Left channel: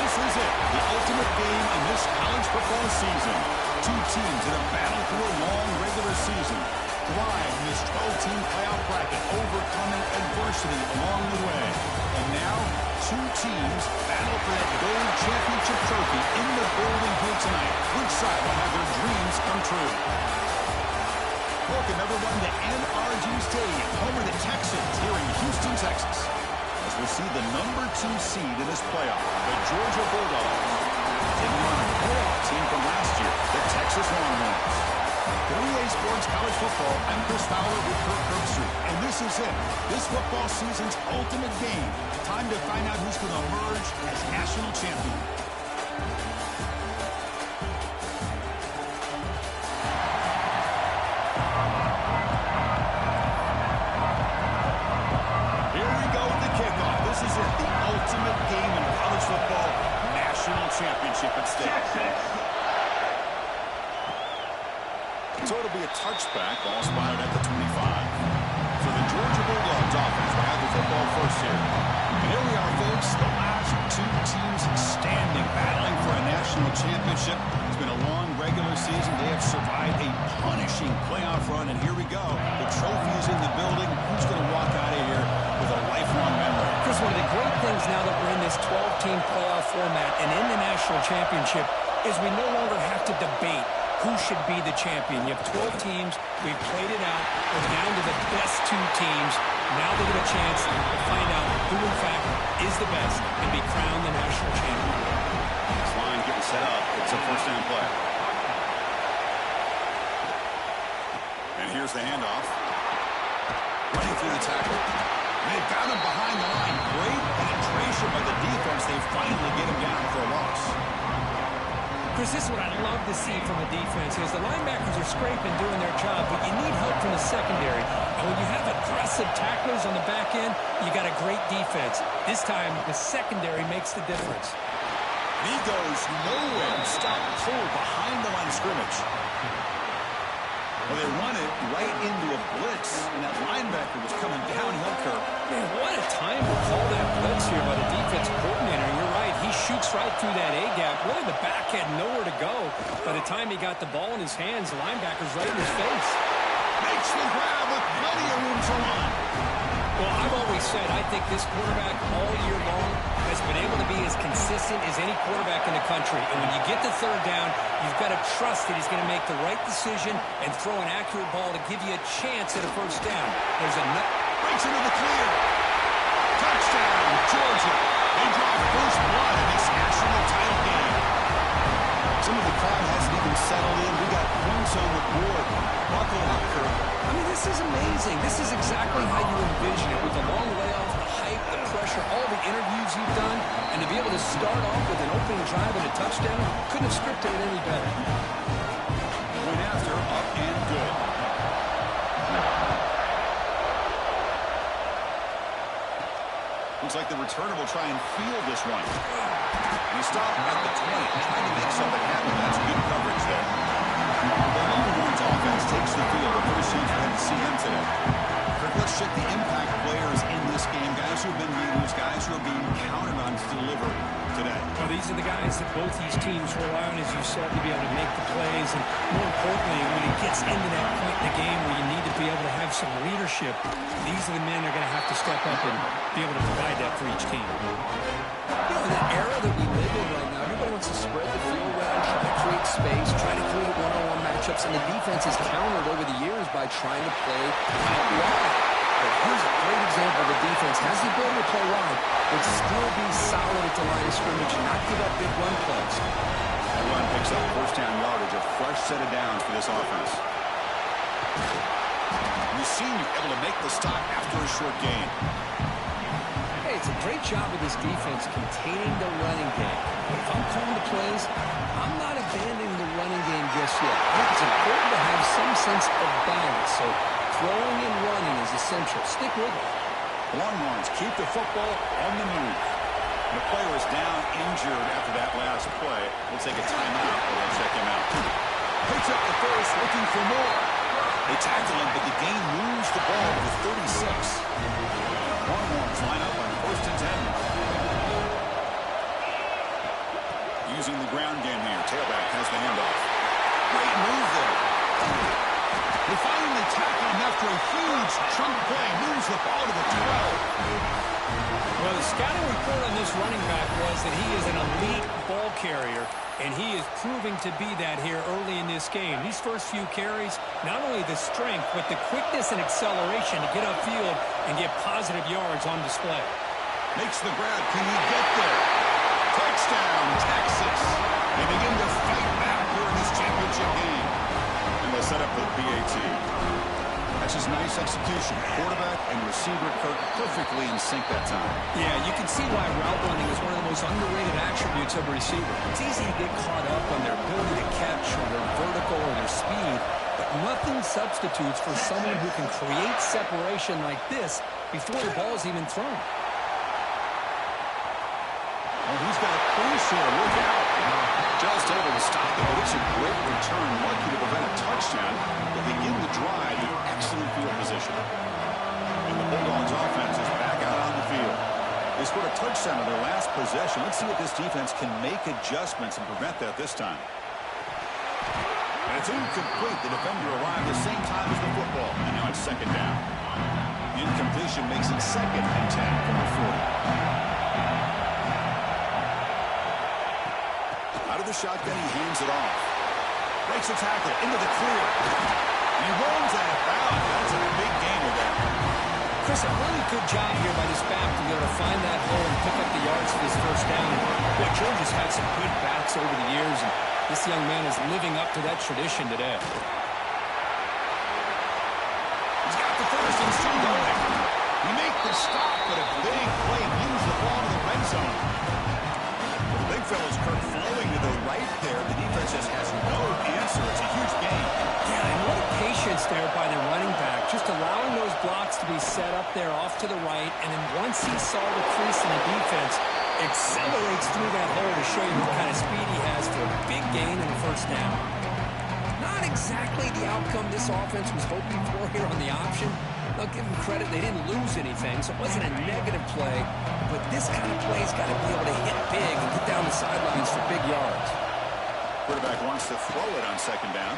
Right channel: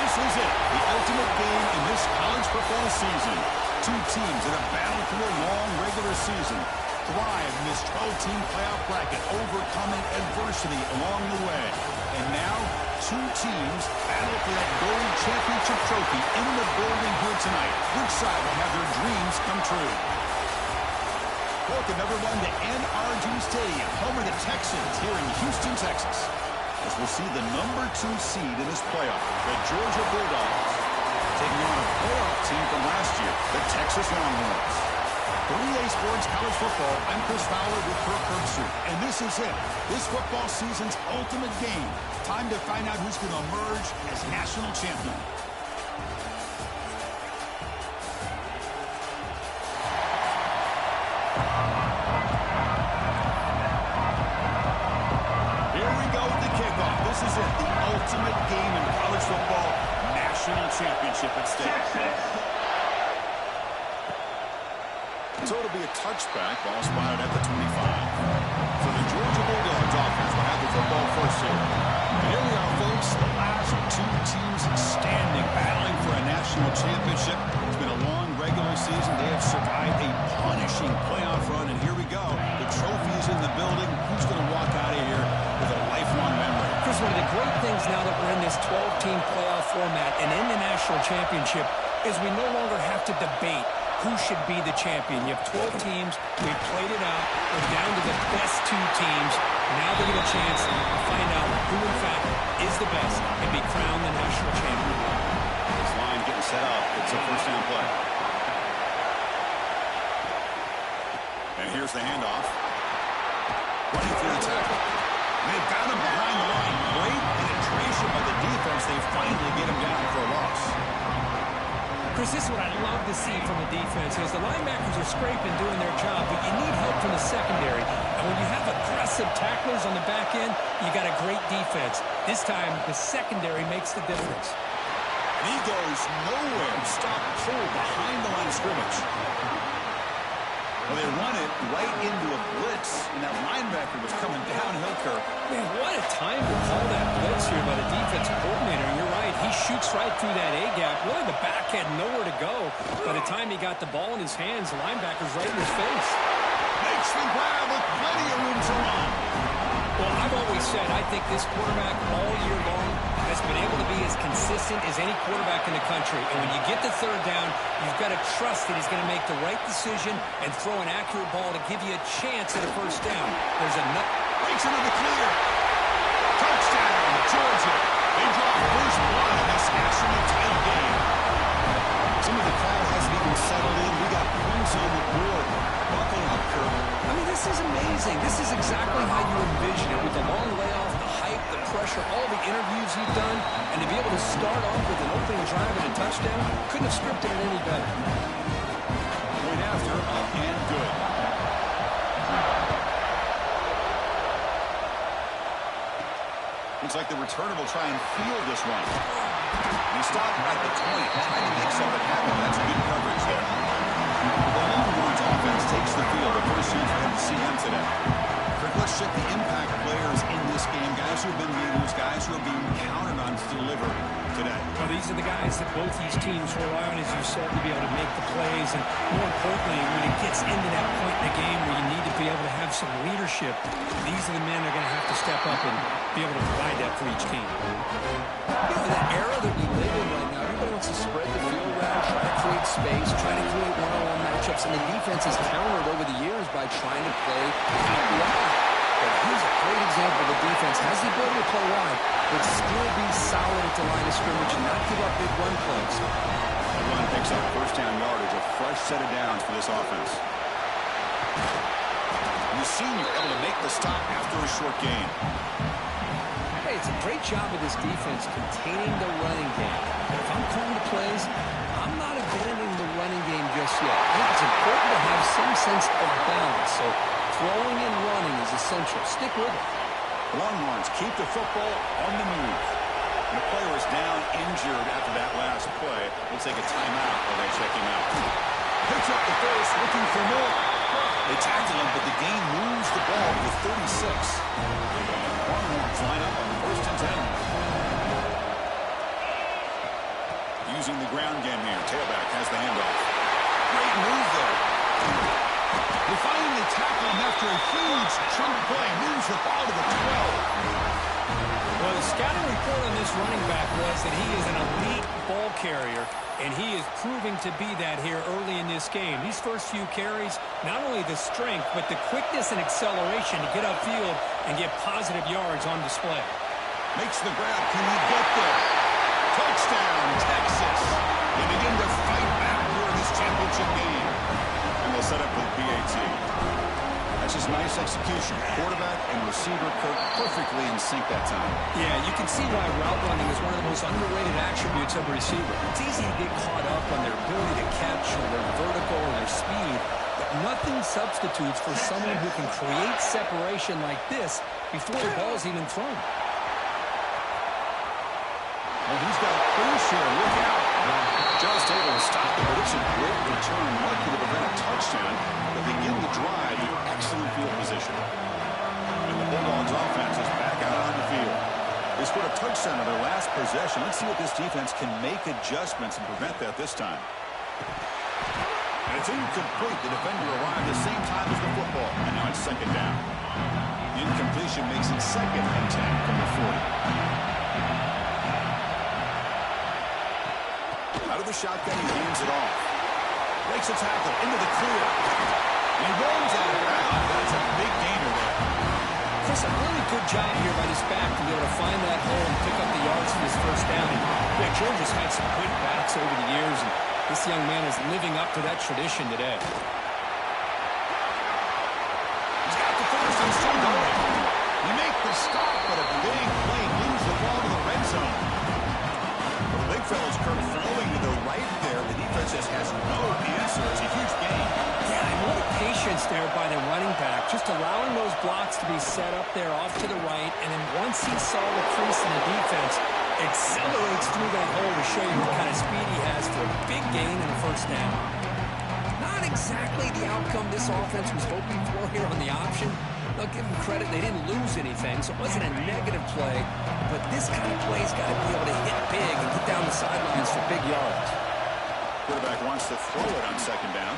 This is it, the ultimate game in this college football season. Two teams that have battled through a long regular season, thrive in this 12-team playoff bracket, overcoming adversity along the way. And now, two teams battle for that gold championship trophy in the building here tonight. Which side will have their dreams come true? Welcome, everyone, to NRG Stadium, home of the Texans here in Houston, Texas. As we'll see the number 2 seed in this playoff, the Georgia Bulldogs, taking on a playoff team from last year, the Texas Longhorns. For EA Sports College Football, I'm Chris Fowler with Kirk Herbstreit, and this is it. This football season's ultimate game. Time to find out who's going to emerge as national champion. Here we go with the kickoff. This is it, the ultimate game in college football, national championship at stake. So it'll be a touchback, ball spotted at the 25. So the Georgia Bulldogs offense will have the football first here. And here we are, folks, the last two teams standing, battling for a national championship. It's been a long regular season. They have survived a punishing playoff run, and here we go. The trophy is in the building. Who's going to walk out of here with a lifelong memory? Chris, one of the great things now that we're in this 12-team playoff format and in the national championship is we no longer have to debate who should be the champion. You have 12 teams. We've played it out. We're down to the best 2 teams. Now they get a chance to find out who, in fact, is the best and be crowned the national champion. This line getting set up. It's a first down play. And here's the handoff. Running through the tackle. They've got him behind the line. Great penetration by the defense. They finally get him down for a loss. Chris, this is what I love to see from a defense is the linebackers are scraping, doing their job, but you need help from the secondary. And when you have aggressive tacklers on the back end, you got a great defense. This time, the secondary makes the difference. And he goes nowhere. Stop pull behind the line of scrimmage. Well, they run it right into a blitz, and that linebacker was coming downhill, Kirk. Man, what a time to call that blitz here by the defensive coordinator. You're right. He shoots right through that A-gap. Really, the back had nowhere to go. By the time he got the ball in his hands, the linebacker's right in his face. Makes the grab with plenty of room to run. Well, I've always said I think this quarterback all year long has been able to be as consistent as any quarterback in the country. And when you get the third down, you've got to trust that he's going to make the right decision and throw an accurate ball to give you a chance at a first down. There's a nut. Breaks into the clear. Touchdown, Georgia. They draw first blood in this national title game. Some of the crowd hasn't even settled in. We got points on the board. Buckle up, Kirk. I mean, this is amazing. This is exactly how you envision it with the long layoff, the hype, the pressure, all the interviews you've done, and to be able to start off with an opening drive and a touchdown, couldn't have scripted it any better. Point after, up and good. Looks like the returner will try and field this one. And he stopped at the 20, trying to make something happen. That's good coverage there. The Longhorns offense takes the field. The first chance we had to see him today. Kirk, let's check the impact players in this game. Guys who have been leaders, guys who are being counted on to deliver today. Well, these are the guys that both these teams rely on, as you said, to be able to make the plays. And more importantly, when it gets into that point in the game where you need to be able to have some leadership, these are the men that are going to have to step up and be able to provide that for each team. You know, in the era that we live in right now, everybody wants to spread the field around, try to create space, try to create one-on-one matchups, and the defense has countered over the years by trying to play out wide. But here's a great example. The defense has the ability to play wide, but still be solid at the line of scrimmage and not give up big run plays. That run picks up first down yardage, a fresh set of downs for this offense. The senior able to make the stop after a short gain. Hey, it's a great job of this defense containing the running game. But if I'm calling the plays, I'm not abandoning the running game just yet. I think it's important to have some sense of balance. So throwing and running is essential. Stick with it. The Longhorns keep the football on the move. And the player is down injured after that last play. We'll take a timeout while they check him out. Picks up the first, looking for more. They tackle him, but the gain moves the ball to the 36. Longhorns line up on 1st and 10. using the ground game here. Tailback has the handoff. Great move there. They finally tackle him after a huge chunk play. Moves the ball to the 12. Well, the scouting report on this running back was that he is an elite ball carrier, and he is proving to be that here early in this game. These first few carries, not only the strength, but the quickness and acceleration to get upfield and get positive yards on display. Makes the grab. Can he get there? Touchdown, Texas. They begin to fight back here in this championship game. And they'll set up for the PAT. That's just nice execution. Quarterback and receiver Kirk perfectly in sync that time. Yeah, you can see why route running is one of the most underrated attributes of a receiver. It's easy to get caught up on their ability to catch or their vertical or their speed, but nothing substitutes for someone who can create separation like this before the ball's even thrown. Oh, he's got a crease here. Look out. Just able to stop it, but it's a great return. Lucky to prevent a touchdown. They begin the drive in excellent field position. And the Bulldogs offense is back out on the field. They scored a touchdown on their last possession. Let's see if this defense can make adjustments and prevent that this time. And it's incomplete. The defender arrived the same time as the football. And now it's second down. The incompletion makes it 2nd and 10 from the 40. Out of the shotgun, he hands it off. Breaks a tackle into the clear. And he rolls out of bounds. That's a big gainer there. Chris, a really good job here by this back to be able to find that hole and pick up the yards for this first down. And boy, Georgia's had some good backs over the years, and this young man is living up to that tradition today. He's got the first and still going. You make the stop, but a big play moves the ball to the red zone. Big fella's Kirk flowing to the right there. The defense just has no answer. It's a huge gain. Yeah, and what a patience there by the running back. Just allowing those blocks to be set up there off to the right. And then once he saw the crease in the defense, accelerates through that hole to show you what kind of speed he has for a big gain and a first down. Not exactly the outcome this offense was hoping for here on the option. I'll give them credit. They didn't lose anything, so it wasn't a negative play. But this kind of play's got to be able to hit big and get down the sidelines for big yards. Quarterback wants to throw it on second down.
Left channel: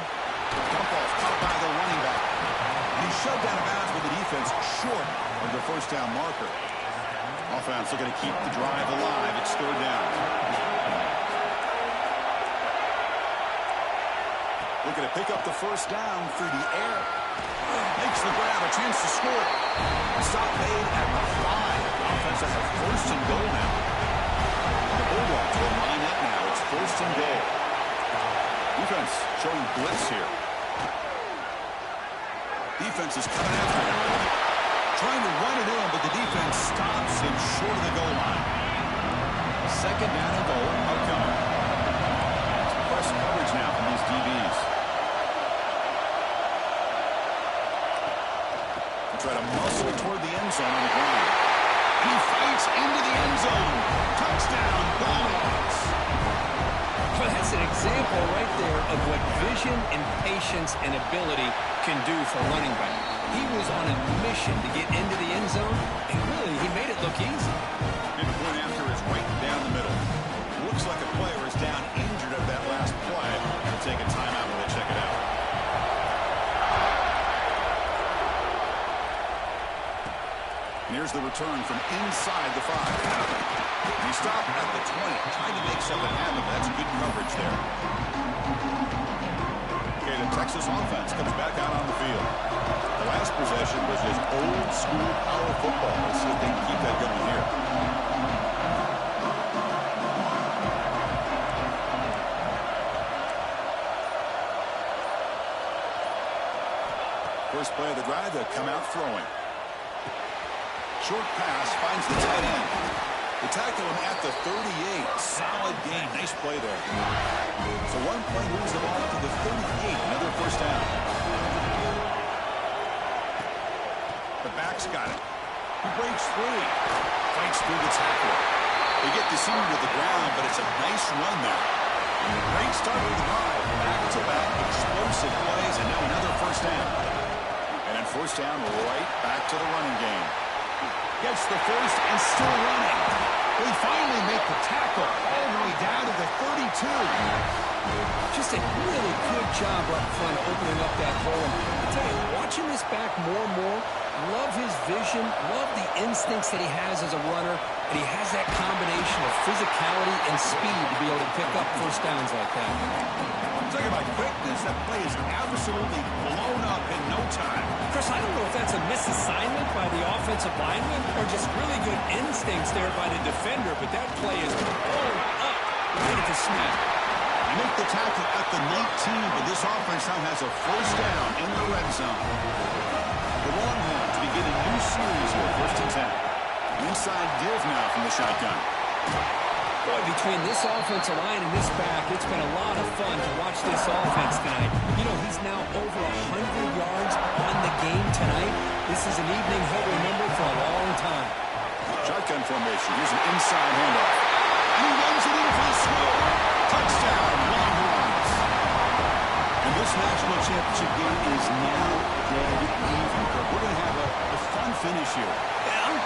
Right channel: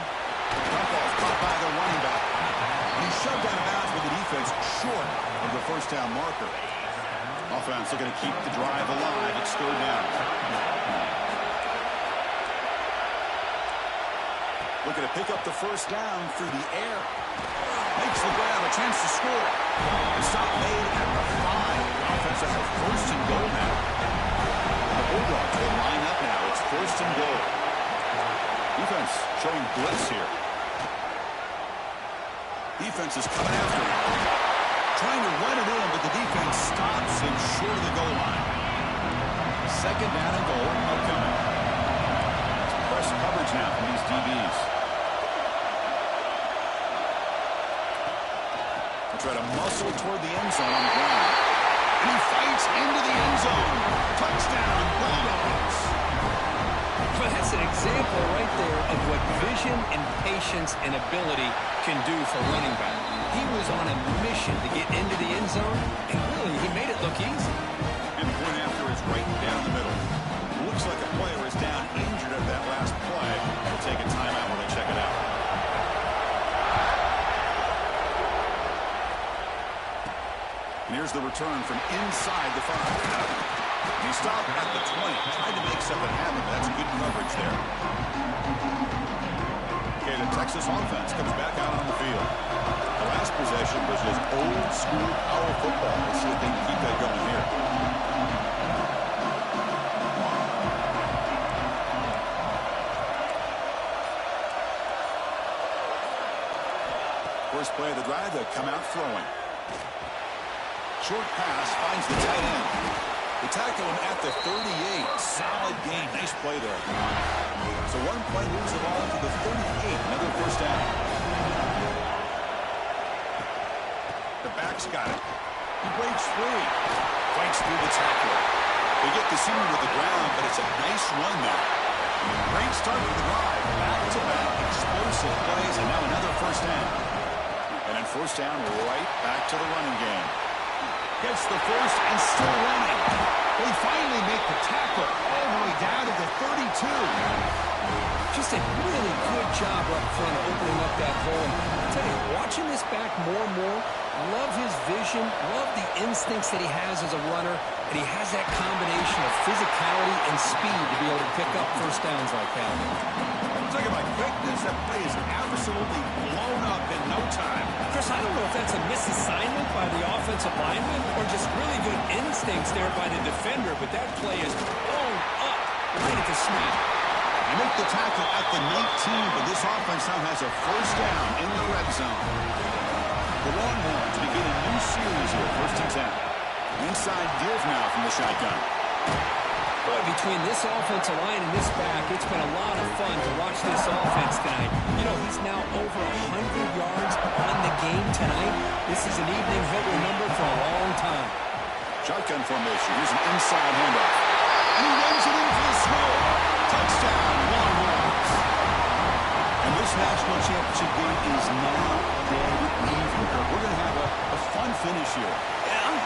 Dump off caught by the running back. And he's shoved out of bounds with the defense short of the first down marker. Offense looking to keep the drive alive. It's third down. Looking to pick up the first down through the air. Makes the grab, a chance to score. Stop made at the 5. The offense has a first and goal now. The Bulldogs will line up now. It's first and goal. Defense showing blitz here. Defense is coming after him. Trying to run it in, but the defense stops him short of the goal line. Second down and goal upcoming. It's press coverage now from these DBs. Try to muscle toward the end zone on the ground. And he fights into the end zone. Touchdown, Bulldogs. Well, that's an example right there of what vision and patience and ability can do for a running back. He was on a mission to get into the end zone, and really, he made it look easy. And the point after is right down the middle. Looks like a player is down injured at that last play. They'll take a timeout when they check it out. And here's the return from inside the 5. And he stopped at the 20, trying to make something happen, but that's good coverage there. Okay, the Texas offense comes back out on the field. The last possession was just old-school power football. Let's see if they can keep that going here. First play of the drive, they'll come out throwing. Short pass finds the tight end. They tackle him at the 38. Solid gain. Nice play there. So one play moves the ball to the 38. Another first down. The back's got it. He breaks free. Fights through the tackler. They get the senior to the ground, but it's a nice run there. Great start to the drive. Back-to-back explosive plays, and now another first down. And then first down right back to the running game. Gets the first and still running. They finally make the tackle all the way down to the 32. Just a really good job up front opening up that hole. I tell you, watching this back more and more, love his vision, love the instincts that he has as a runner, and he has that combination of physicality and speed to be able to pick up first downs like that. Talking about quickness, that play is absolutely blown up in no time. Chris, I don't know if that's a misassignment by the offensive lineman or just really good instincts there by the defender, but that play is blown up right at the snap. They make the tackle at the 19, but this offense now has a first down in the red zone. The Longhorns begin a new series here, 1st and 10. Inside give now from the shotgun. Boy, between this offensive line and this back, it's been a lot of fun to watch this offense tonight. You know, he's now over 100 yards on the game tonight. This is an evening he'll remember for a long time. Shotgun formation. Here's an inside handoff. And he runs it in for the score. Touchdown, Longhorns. And this national championship game is now dead even, Kirk. We're going to have a fun finish here.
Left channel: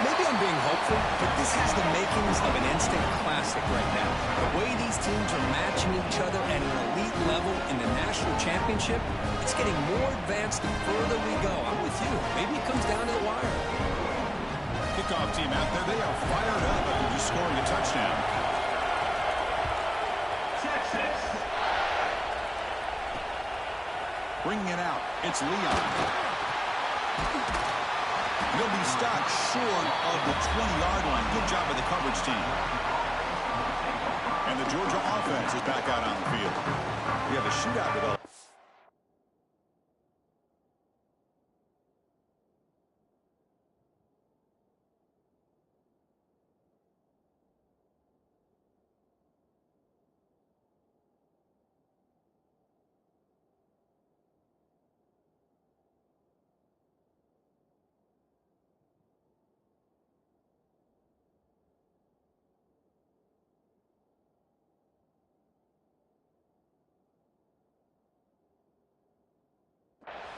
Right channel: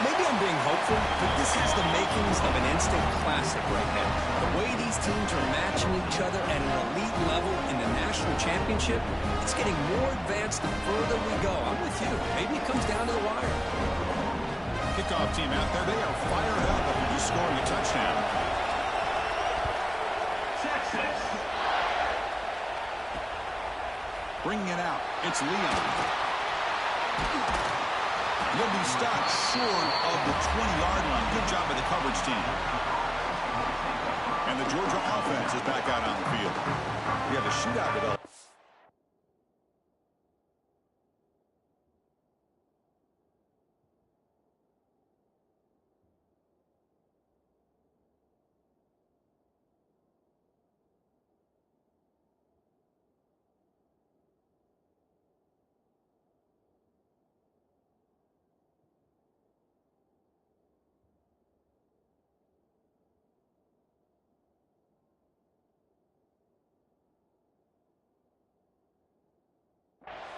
Maybe I'm being hopeful, but this has the makings of an instant classic right now. The way these teams are matching each other at an elite level in the national championship, it's getting more advanced the further we go. I'm with you. Maybe it comes down to the wire. Kickoff team out there, they are fired up after just scoring a touchdown. Texas. Bringing it out, it's Leon. He'll be stopped short of the 20-yard line. Good job by the coverage team. And the Georgia offense is back out on the field. We have a shootout developed.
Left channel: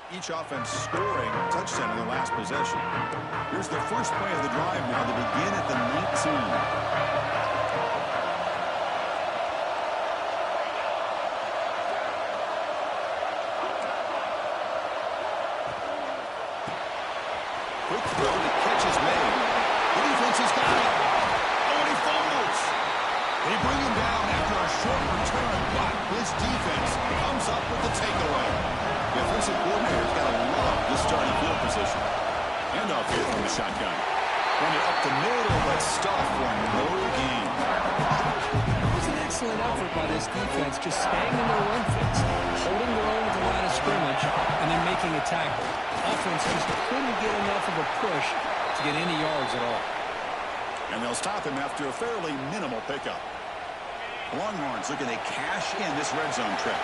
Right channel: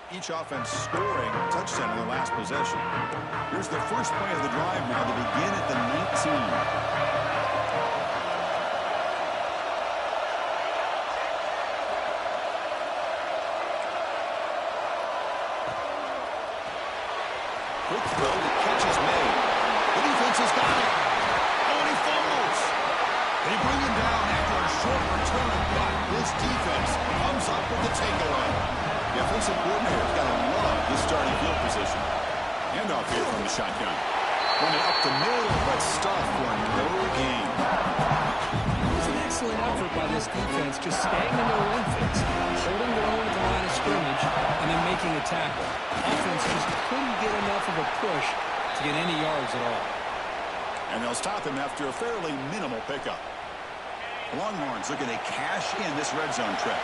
Each offense scoring a touchdown in their last possession. Here's the first play of the drive now to begin at the 19. Quick throw, the catch is made. The defense has got it. Oh, and he fumbles. They bring him down after a short return, but this defense comes up with the takeaway. The offensive coordinator's got to love this starting field position. Handoff here from the shotgun. Run it up the middle, but stuffed for no gain. It was an excellent effort by this defense, just staying in their run fits, holding their own at the line of scrimmage, and then making a tackle. Offense just couldn't get enough of a push to get any yards at all. And they'll stop him after a fairly minimal pickup. The Longhorns looking to cash in this red zone trip.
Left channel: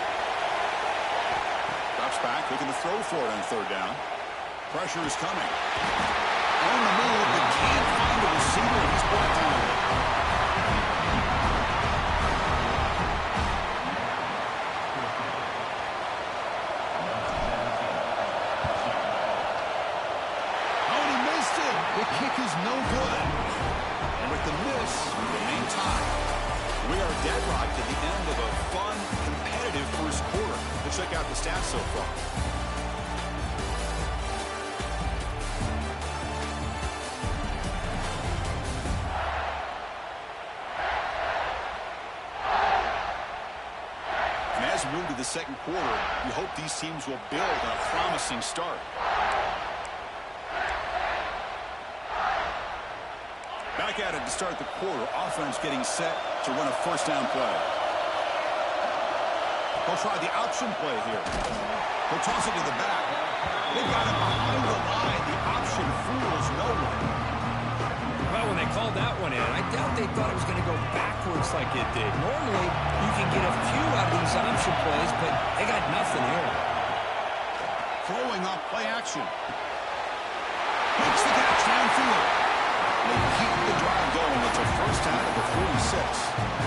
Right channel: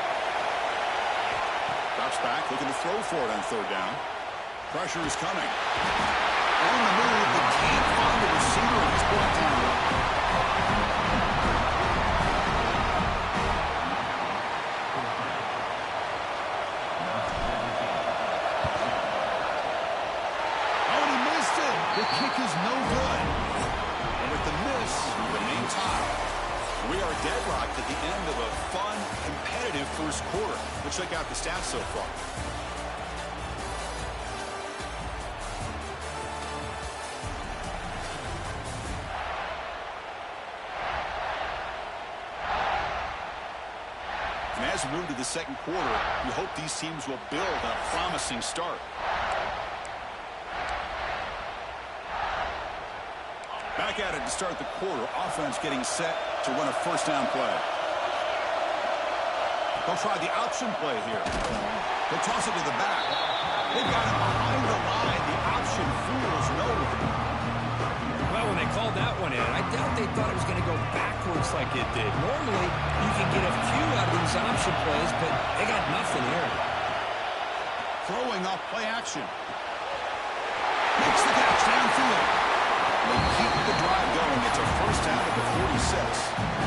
Drops back, looking to throw for it on 3rd down. Pressure is coming. On the move, but can't find a receiver, and he's brought down. Oh, and he missed it. The kick is no good. And with the miss, we remain tied. We are deadlocked at the end of a fun, competitive first quarter. Let's check out the stats so far. And as we move to the second quarter, we hope these teams will build on a promising start. Back at it to start the quarter. Offense getting set to run a first down play. They'll try the option play here. They'll toss it to the back. They've got him behind the line. The option fools no one. Well, when they called that one in, I doubt they thought it was going to go backwards like it did. Normally, you can get a few out of these option plays, but they got nothing here. Throwing off play action. Makes the catch downfield. They keep the drive going. It's a first down at the 46.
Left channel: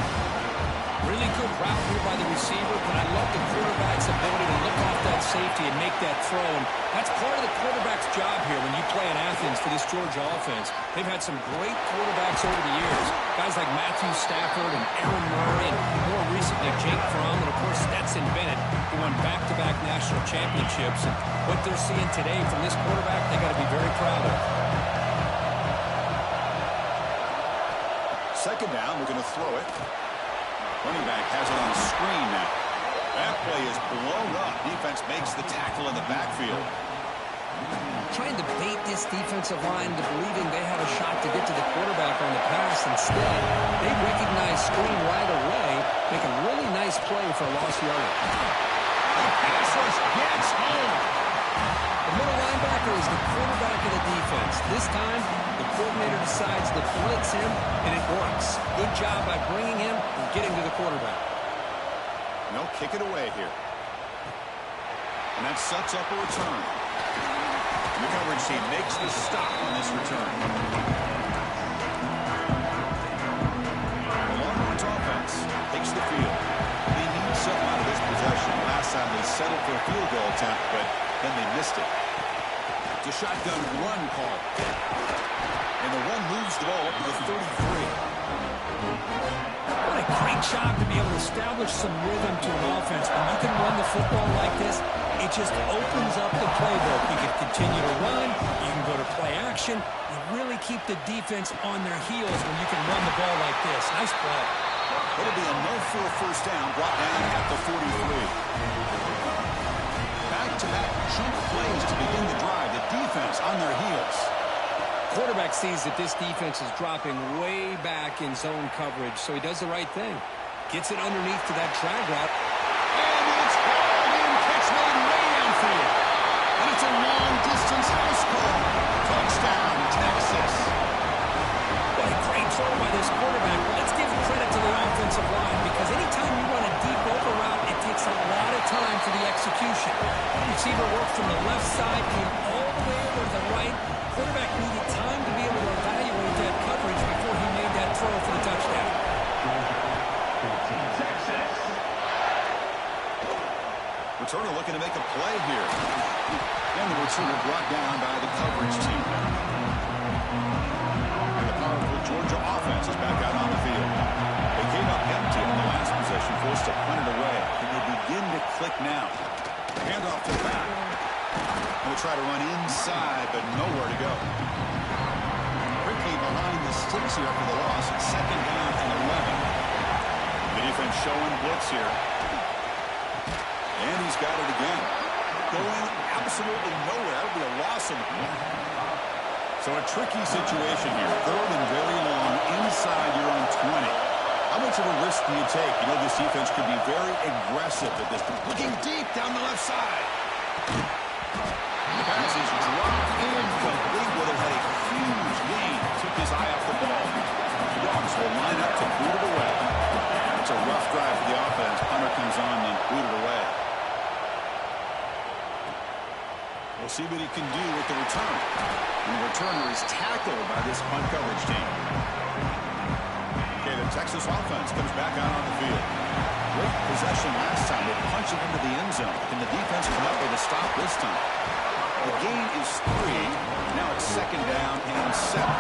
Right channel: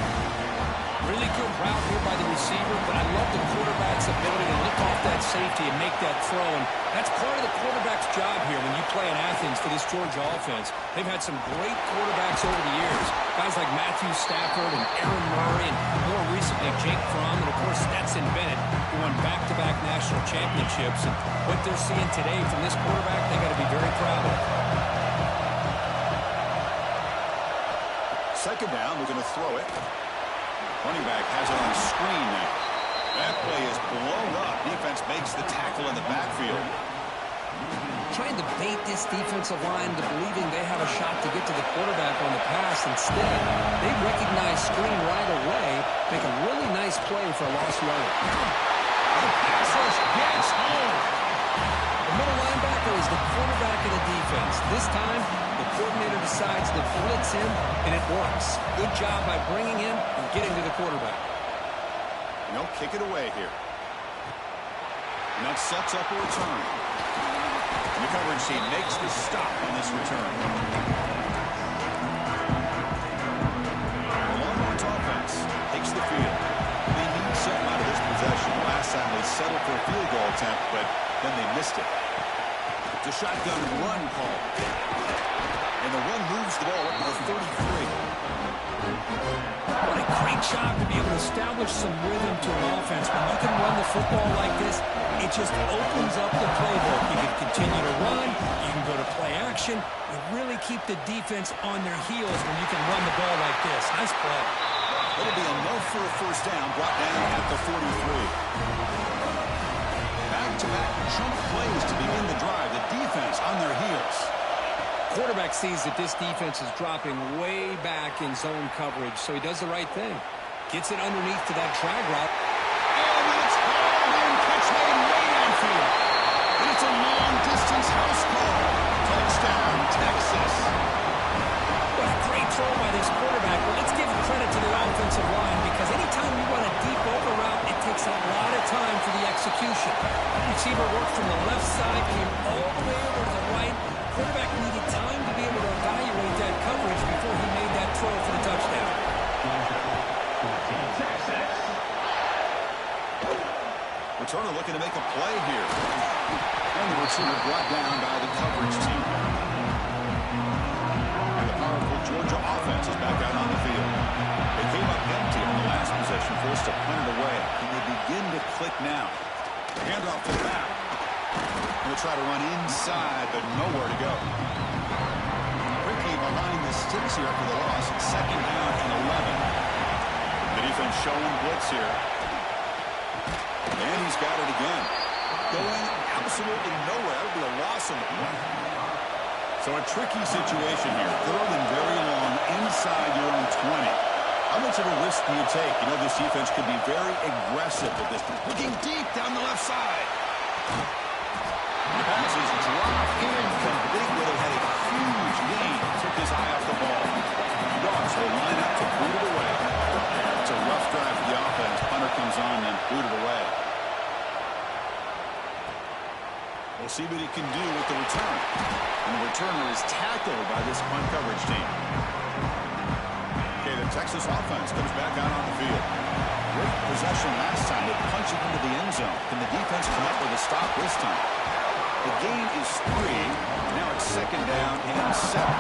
Really good route here by the receiver, but I love the quarterback's ability to look off that safety and make that throw. And that's part of the quarterback's job here when you play in Athens for this Georgia offense. They've had some great quarterbacks over the years. Guys like Matthew Stafford and Aaron Murray, and more recently Jake Fromm, and of course Stetson Bennett, who won back-to-back national championships. And what they're seeing today from this quarterback, they got to be very proud of. Second down, we're going to throw it. Running back has it on screen now. That play is blown up. Defense makes the tackle in the backfield. Trying to bait this defensive line to believing they have a shot to get to the quarterback on the pass. Instead, they recognize screen right away, make a really nice play for a lost yardage. The pass rush gets home. The middle linebacker is the quarterback of the defense. This time, the coordinator decides to blitz him, and it works. Good job by bringing him and getting to the quarterback. And they'll kick it away here. And that sets up a return. And the coverage team makes the stop on this return. The Longhorns offense takes the field. They need something out of this possession. Last time they settled for a field goal attempt, but then they missed it. It's a shotgun run call. And the run moves the ball up to the 33. What a great job to be able to establish some rhythm to an offense. When you can run the football like this, it just opens up the playbook. You can continue to run. You can go to play action. You really keep the defense on their heels when you can run the ball like this. Nice play. It'll be enough for a first down, brought down at the 43. Back-to-back jump plays to begin the drive. The defense on their heels. Quarterback sees that this defense is dropping way back in zone coverage, so he does the right thing. Gets it underneath to that drag route. And it's hauled in, catch made way downfield. And it's a long-distance house call. Touchdown, Texas. What a great throw by this quarterback. But let's give credit to the offensive line, because anytime you run a deep over route, it takes a lot of time for the execution. Receiver worked from the left side, came all the way over to the right. Quarterback needed time to be able to evaluate that coverage before he made that throw for the touchdown. Returner looking to make a play here. And the returner brought down by the coverage team. And the powerful Georgia offense is back out on the field. They came up empty on the last possession, forced to punt it away. And they begin to click now. Handoff to the back. We'll try to run inside, but nowhere to go. Ricky behind the sticks here after the loss. Second down and 11. The defense showing blitz here. And he's got it again. Going absolutely nowhere. That would be a loss on the play. So a tricky situation here. Third and very long inside your own 20. How much of a risk do you take? You know, this defense could be very aggressive at this point. Looking deep down the left side. The pass is dropped incomplete. Would have had a huge gain. Took his eye off the ball. The Dogs will line up to boot it away. It's a rough drive for the offense. Punter comes on and boot it away. We'll see what he can do with the return. And the returner is tackled by this punt coverage team. Okay, the Texas offense comes back out on the field. Great possession last time. They punch it into the end zone. Can the defense come up with a stop this time? The gain is 3. Now it's second down and 7.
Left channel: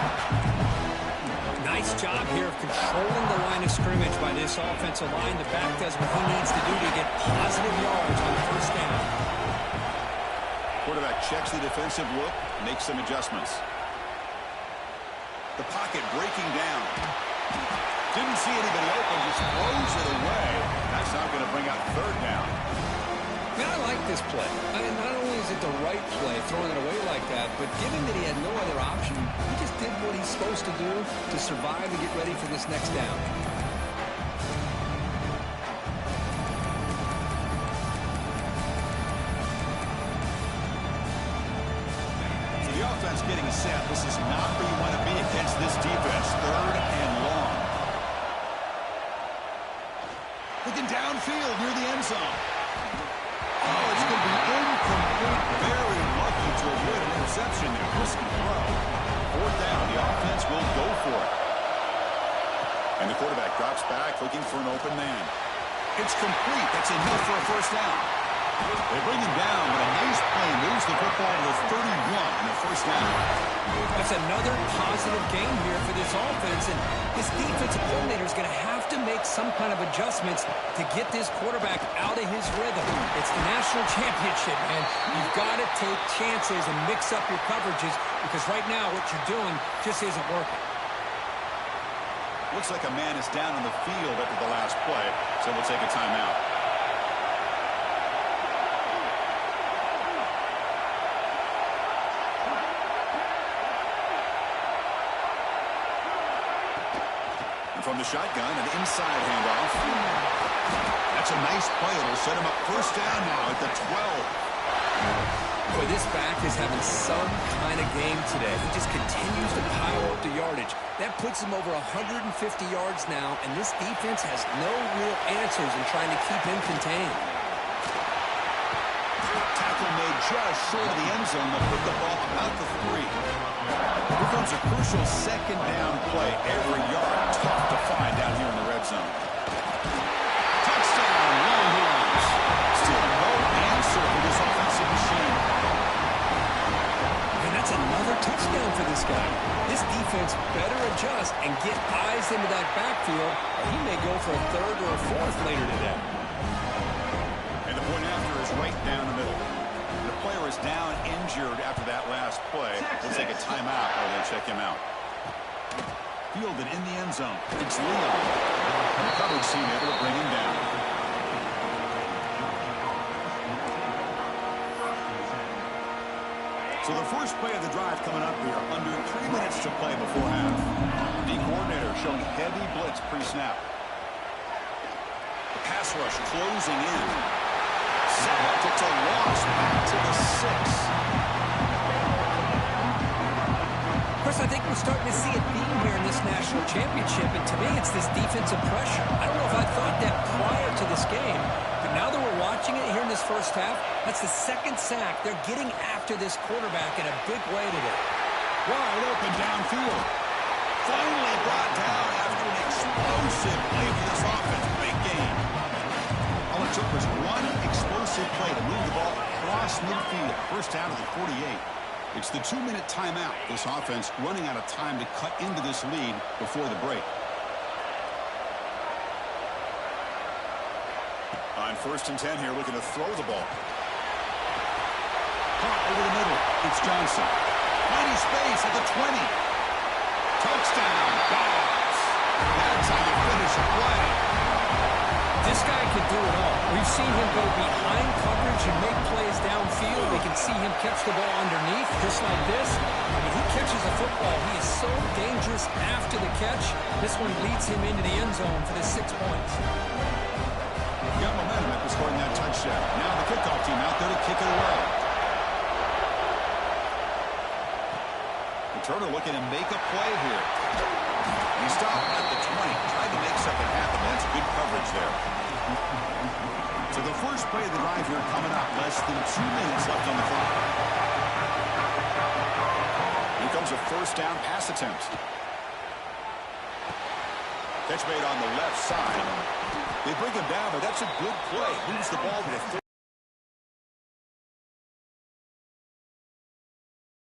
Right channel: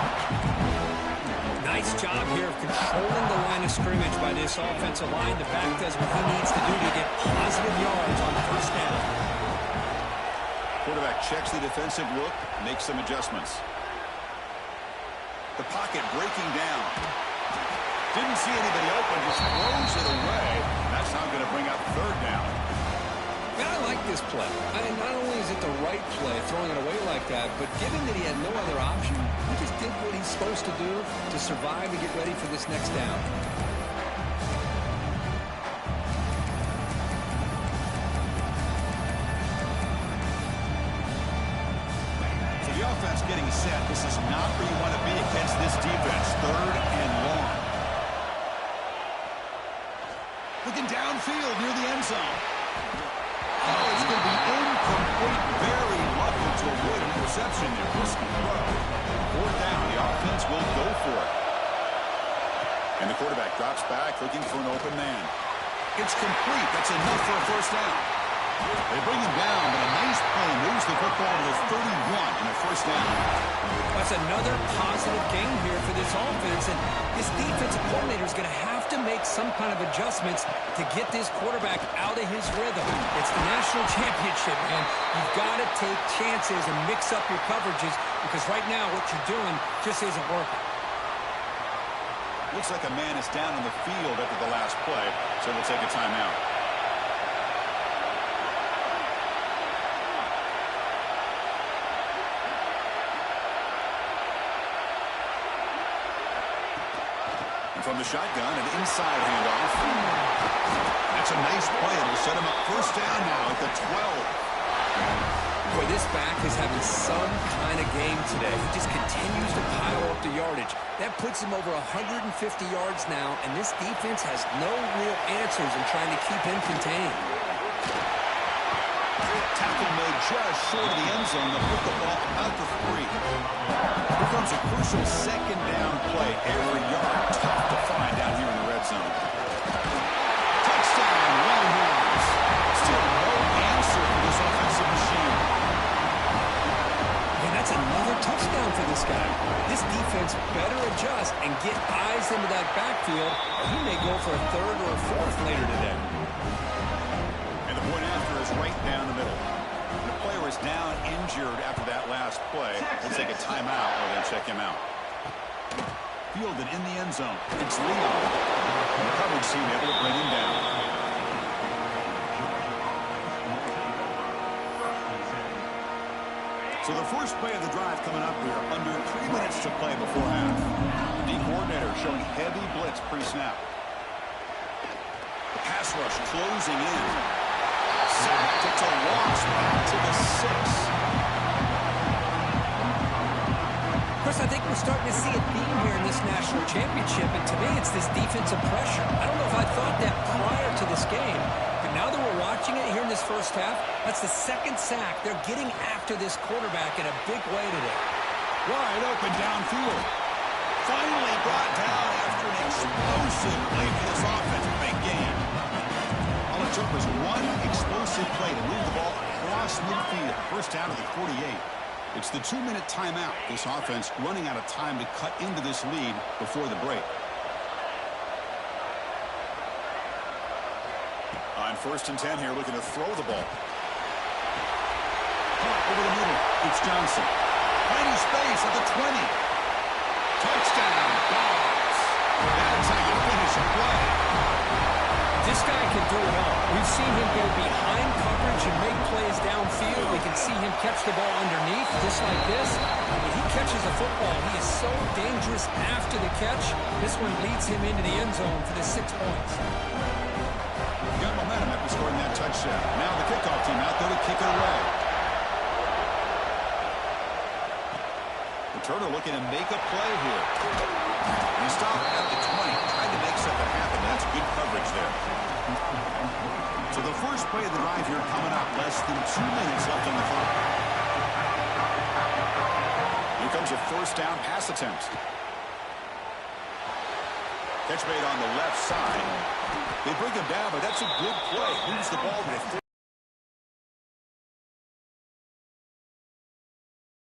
Nice job here of controlling the line of scrimmage by this offensive line. The back does what he needs to do to get positive yards on first down. Quarterback checks the defensive look, makes some adjustments. The pocket breaking down. Didn't see anybody open, just throws it away. That's not going to bring out third down. Yeah, I like this play. Not only is it the right play, throwing it away like that, but given that he had no other option, he just did what he's supposed to do to survive and get ready for this next down. So the offense getting set. This is not where you want to be against this defense. Third and long. Looking downfield near the end zone. Oh, it's going to be incomplete, very low. lucky to avoid an interception there. Risky throw. Fourth down. The offense will go for it. And the quarterback drops back looking for an open man. It's complete. That's enough for a first down. They bring him down, but a nice play moves the football to the 31 and a first down. That's another positive game here for this offense, and this defensive coordinator is going to have to make some kind of adjustments to get this quarterback out of his rhythm. It's the national championship, man. You've got to take chances and mix up your coverages because right now what you're doing just isn't working. Looks like a man is down on the field after the last play, so we'll take a timeout. And from the shotgun, an inside handoff. That's a nice play. It'll set him up first down now at the 12. Boy, this back is having some kind of game today. He just continues to pile up the yardage. That puts him over 150 yards now, and this defense has no real answers in trying to keep him contained. Tackle made just short of the end zone. They'll put the ball about the 3. Here comes a crucial second down play. Every yard tough to find down here in the red zone. Touchdown, Longhorns. Still no answer for this offensive machine. And that's another touchdown for this guy. This defense better adjust and get eyes into that backfield, or he may go for a third or a fourth later today. And the point after is right down the middle. The player is down injured after that last play. They'll take a timeout or they'll check him out. Fielded in the end zone. It's Leon. And the coverage team able to bring him down. So the first play of the drive coming up here. Under 3 minutes to play before half. The coordinator showing heavy blitz pre-snap. The pass rush closing in. Takes a loss back to the 6. Of course, I think we're starting to see a theme here in this national championship, and to me, it's this defensive pressure. I don't know if I thought that prior to this game, but now that we're watching it here in this first half, that's the second sack. They're getting after this quarterback in a big way today. Wide open downfield. Finally brought down after an explosive play for this offense. Big game. All it took was one explosive play to move the ball across midfield. First down to the 48. It's the 2-minute timeout. This offense running out of time to cut into this lead before the break. On 1st and 10 here, looking to throw the ball. Caught over the middle. It's Johnson. Finding space at the 20. Touchdown, Dogs. That's how you finish a play. This guy can do it all. We've seen him go behind coverage and make plays downfield. We can see him catch the ball underneath, just like this. When he catches a football, he is so dangerous after the catch. This one leads him into the end zone for the 6 points. Got momentum after scoring that touchdown. Now the kickoff team out there to kick it away. Turner looking to make a play here. And he stopped at the 20. Tried to make something happen. That's good coverage there. So the first play of the drive here coming up. Less than 2 minutes left on the clock. Here comes a first down pass attempt. Catch made on the left side. They bring him down, but that's a good play. Moves the ball to the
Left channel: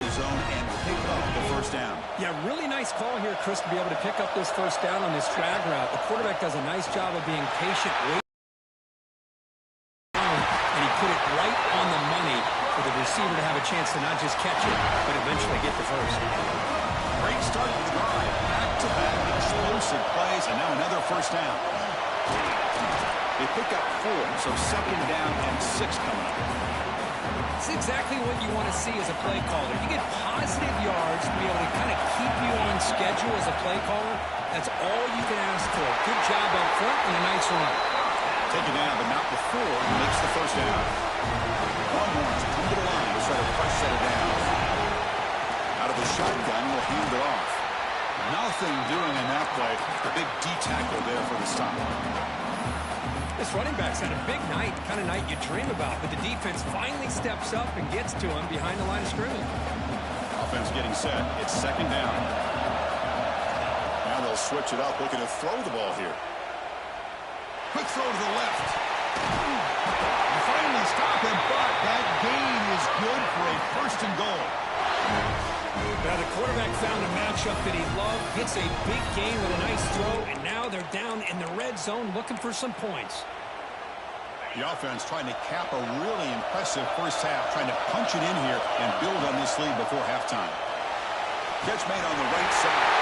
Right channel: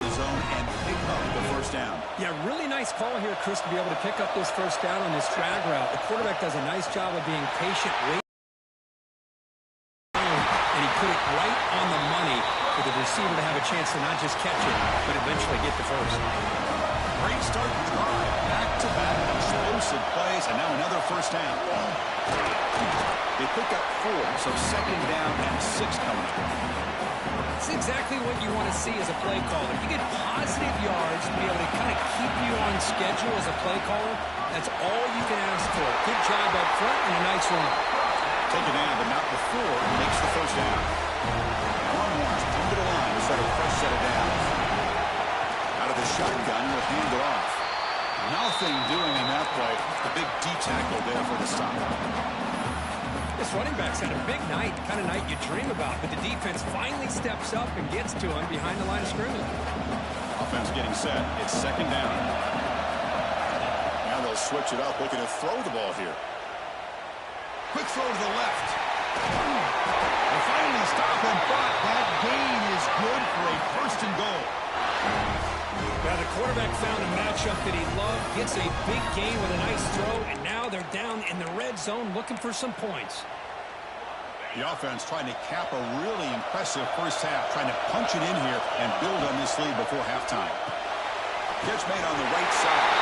zone and pick up the first down. Yeah, really nice call here, Chris, to be able to pick up this first down on this drag route. The quarterback does a nice job of being patient, waiting, and he put it right on the money for the receiver to have a chance to not just catch it, but eventually get the first. Great start to the drive. Back-to-back explosive plays, and now another first down. They pick up 4, so second down and 6 coming up. It's exactly what you want to see as a play caller. You get positive yards to be able to kind of keep you on schedule as a play caller. That's all you can ask for. Good job up front and a nice run. Taken down, but not before he makes the first down. Longhorns come to the line to start a fresh set of downs. Out of the shotgun, will hand it off. Nothing doing on that play. The big D tackle there for the stop. This running back's had a big night, the kind of night you dream about, but the defense finally steps up and gets to him behind the line of scrimmage. Offense getting set. It's second down. Now they'll switch it up, looking to throw the ball here. Quick throw to the left. They finally stop him, but that gain is good for a first and goal. Now the quarterback found a matchup that he loved, gets a big gain with a nice throw, and now they're down in the red zone looking for some points. The offense trying to cap a really impressive first half, trying to punch it in here and build on this lead before halftime. Catch made on the right side.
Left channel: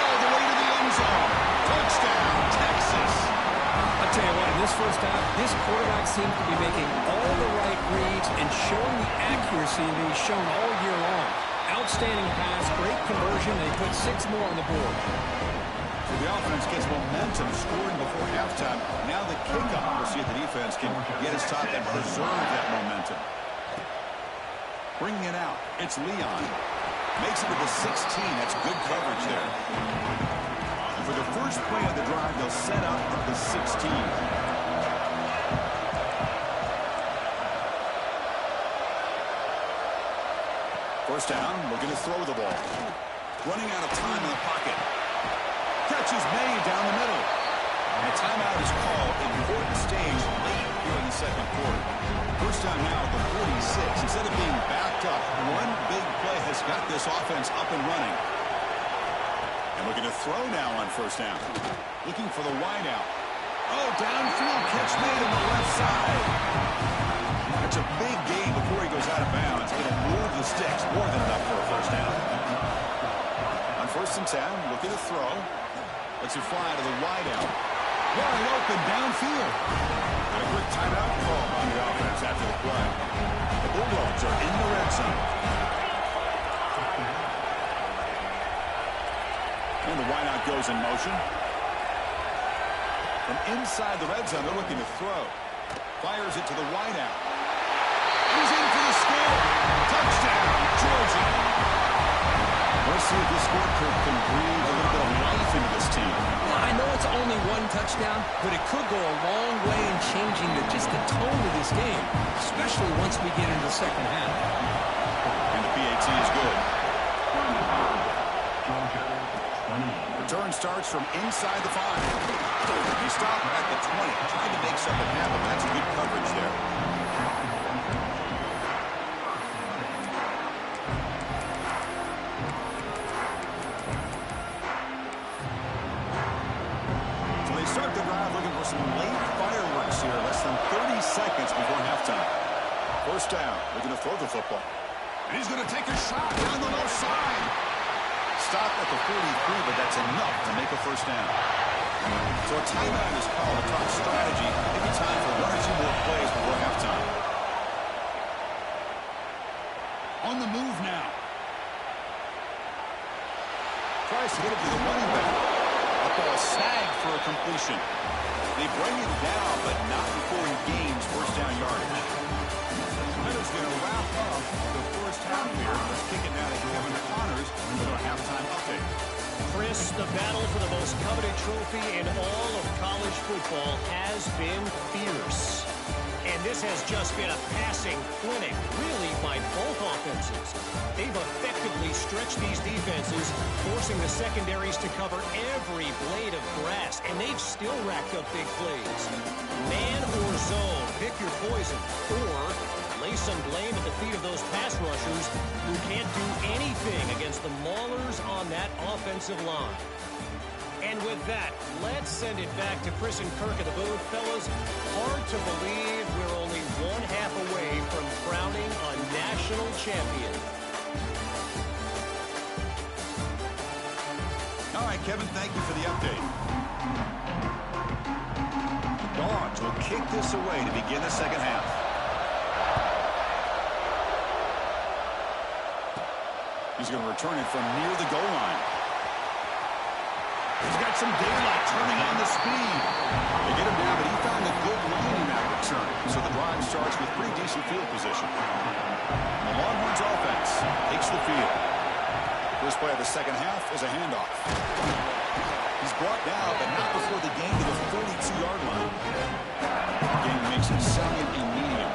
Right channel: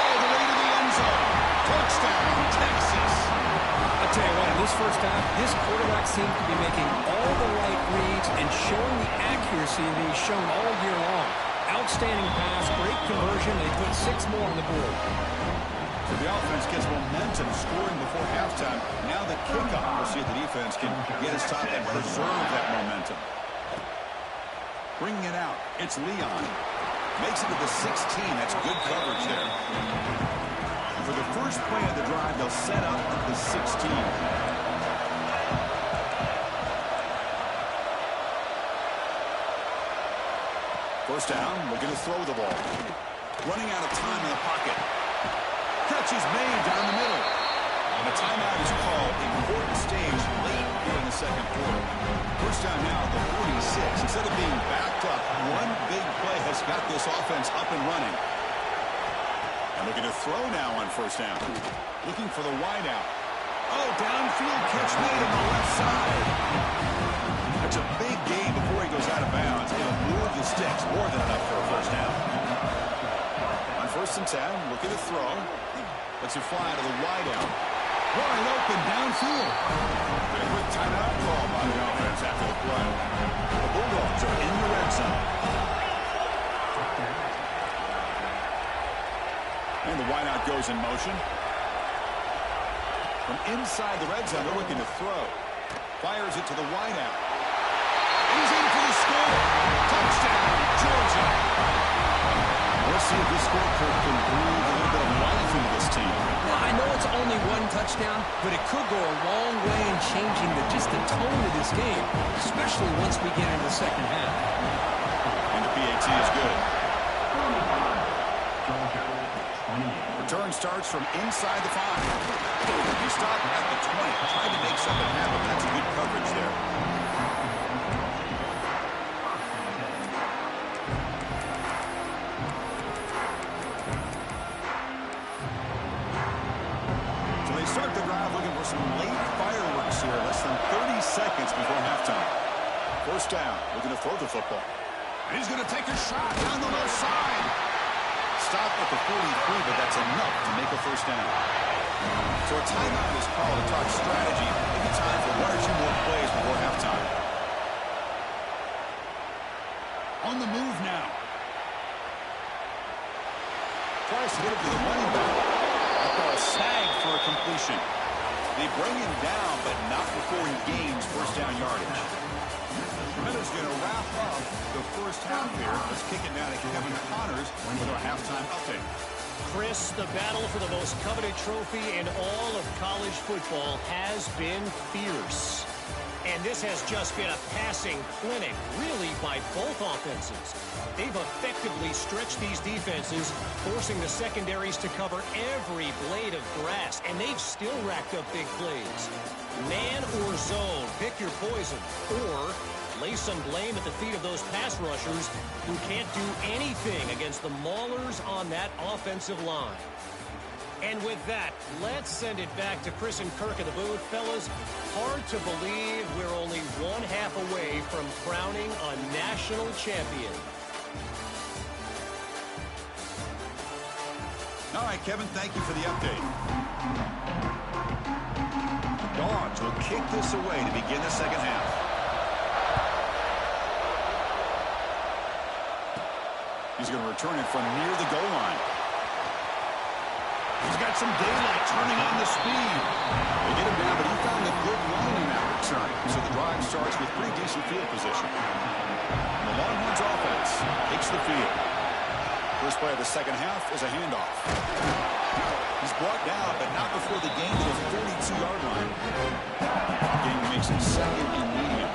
All the way to the end zone. Touchdown, Texas. I'll tell you what, in this first half, this quarterback seemed to be making all the right reads and showing the accuracy that he's shown all year long. Outstanding pass, great conversion. They put 6 more on the board. So the offense gets momentum scoring before halftime. Now the kickoff. We'll see if the defense can get his top and preserve that momentum. Bringing it out. It's Leon. Makes it to the 16. That's good coverage there. For the first play of the drive, they'll set up at the 16. First down, looking to throw the ball. Running out of time in the pocket. Catch is made down the middle. And a timeout is called. Important stage late here in the second quarter. First down now at the 46. Instead of being backed up, one big play has got this offense up and running. And looking to throw now on first down. Looking for the wide out. Oh, downfield catch made on the left side. That's a big gain before he goes out of bounds. It'll move the sticks. More than enough for a first down. On first and 10, looking to throw. Lets it fly to the wide out. Wide open downfield. And a quick timeout call by the offense after the play. The Bulldogs are in the red zone. And the wideout goes in motion. From inside the red zone, they're looking to throw. Fires it to the wideout. He's in for the score. Touchdown, Georgia. Let's see if this scorecard can breathe a little bit of life into this team. Now, I know it's only one touchdown, but it could go a long way in changing just the tone of this game, especially once we get into the second half. And the PAT is good. Return starts from inside the 5. He stopped at the 20, trying to make something happen. That's good coverage there. So they start the drive looking for some late fireworks here. Less than 30 seconds before halftime. First down, looking to throw the football. And he's going to take a shot down the left side. Stop at the 43, but that's enough to make a first down. So a timeout is called to talk strategy. Maybe time for 1 or 2 more plays before halftime. On the move now. Tries to get it to the running back. That ball snagged for a completion. They bring him down, but not before he gains first down yardage. That is going to wrap up the first half here. Let's kick it now to Kevin Connors with our halftime update. Chris, the battle for the most coveted trophy in all of college football has been fierce. And this has just been a passing clinic, really, by both offenses. They've effectively stretched these defenses, forcing the secondaries to cover every blade of grass, and they've still racked up big plays. Man or zone, pick your poison, or lay some blame at the feet of those pass rushers who can't do anything against the maulers on that offensive line. And with that, let's send it back to Chris and Kirk at the booth. Fellas, hard to believe we're only 1/2 away from crowning a national champion. All right, Kevin, thank you for the update. Dogs will kick this away to begin the second half. He's going to return it from near the goal line. He's got some daylight turning on the speed. They get him down, but he found a good line in that return. So the drive starts with pretty decent field position. And the Longhorns offense takes the field. First play of the second half is a handoff. He's brought down, but not before the gain to the 42-yard line. The game makes it second and medium.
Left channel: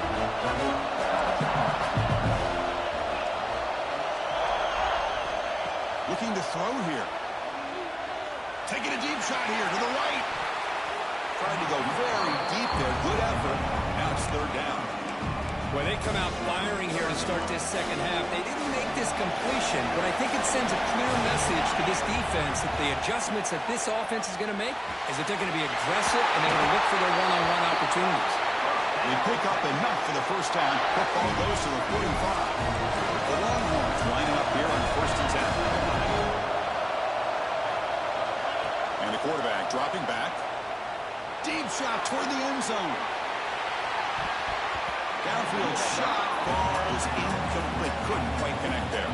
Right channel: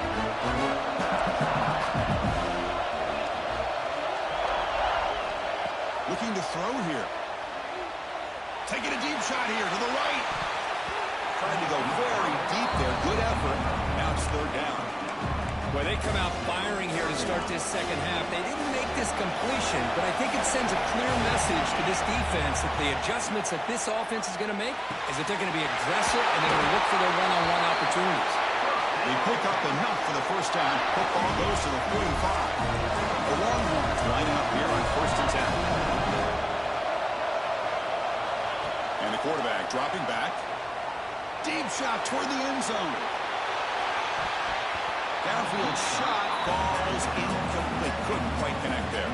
Looking to throw here. Taking a deep shot here to the right. Tried to go very deep there. Good effort. Now it's third down. Well, they come out firing here to start this second half. They didn't make this completion, but I think it sends a clear message to this defense that the adjustments that this offense is going to make is that they're going to be aggressive and they're going to look for their one-on-one opportunities. They pick up enough for the first down. Football goes to the 45. The Longhorns lining up here on 1st and 10. And the quarterback dropping back. Deep shot toward the end zone. Downfield shot falls incomplete. Couldn't quite connect there.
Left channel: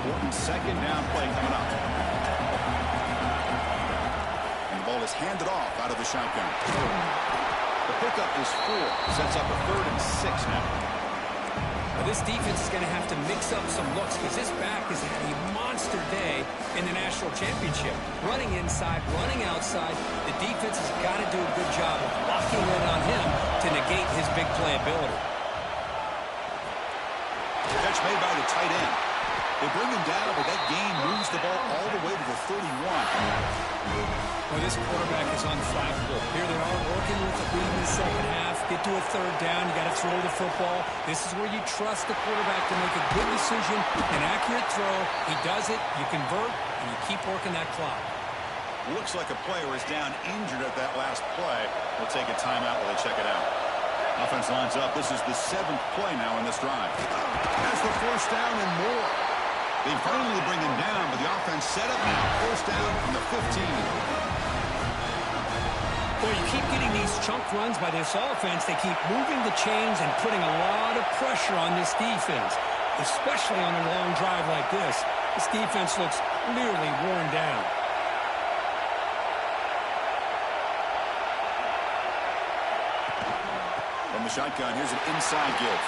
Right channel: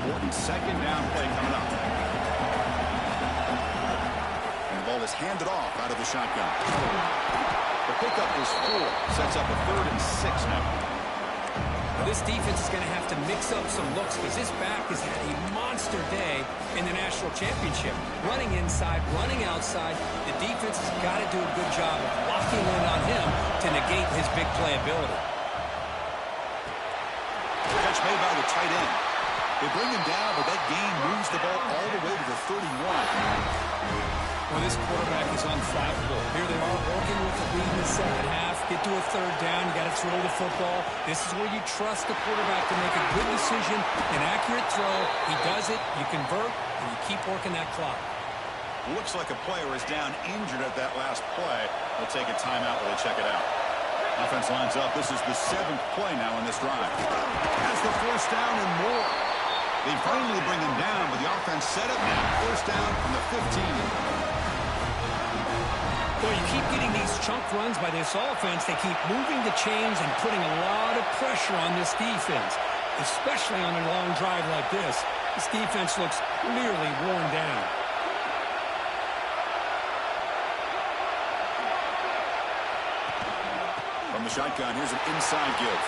Important second down play coming up. And the ball is handed off out of the shotgun. The pickup is 4. Sets up a 3rd and 6 now. Well, this defense is going to have to mix up some looks because this back has had a monster day in the national championship. Running inside, running outside. The defense has got to do a good job of locking in on him to negate his big play ability. Catch made by the tight end. They bring him down, but that gain moves the ball all the way to the 31. Well, this quarterback is unflappable. Here they are working with the lead in the second half. Get to a third down. You got to throw the football. This is where you trust the quarterback to make a good decision, an accurate throw. He does it, you convert, and you keep working that clock. Looks like a player is down injured at that last play. We'll take a timeout while they check it out. Offense lines up. This is the 7th play now in this drive. Has the 1st down and more. They finally bring him down, but the offense set up now. 1st down from the 15. Boy, you keep getting these chunk runs by this offense. They keep moving the chains and putting a lot of pressure on this defense, especially on a long drive like this. This defense looks clearly worn down. From the shotgun, here's an inside give.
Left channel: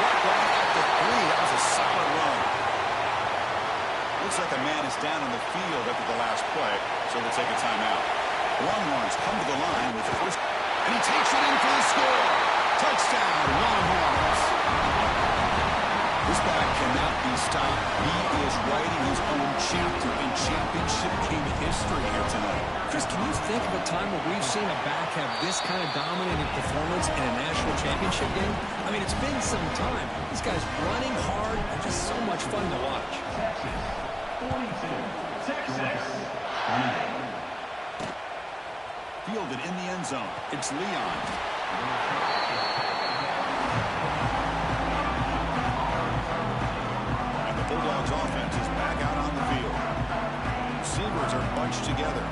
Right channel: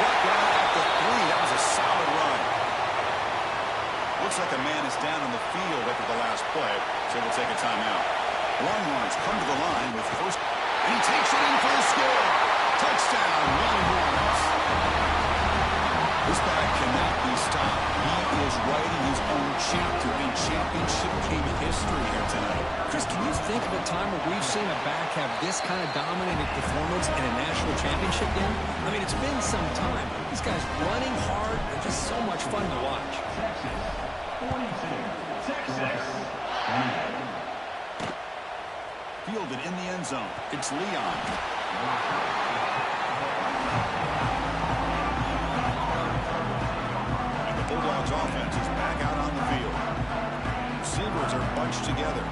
Brought down at the 3. That was a solid run. Looks like a man is down on the field after the last play, so they'll take a timeout. Longhorns come to the line with first, and he takes it in for the score. Touchdown, Longhorns. This back cannot be stopped. He is writing his own chapter in championship game history here tonight. Chris, can you think of a time where we've seen a back have this kind of dominating performance in a national championship game? I mean, it's been some time. This guy's running hard and just so much fun to watch. Texas, 42. Texas. Fielded in the end zone. It's Leon. And the Bulldogs offense is back out on the field. Receivers are bunched together.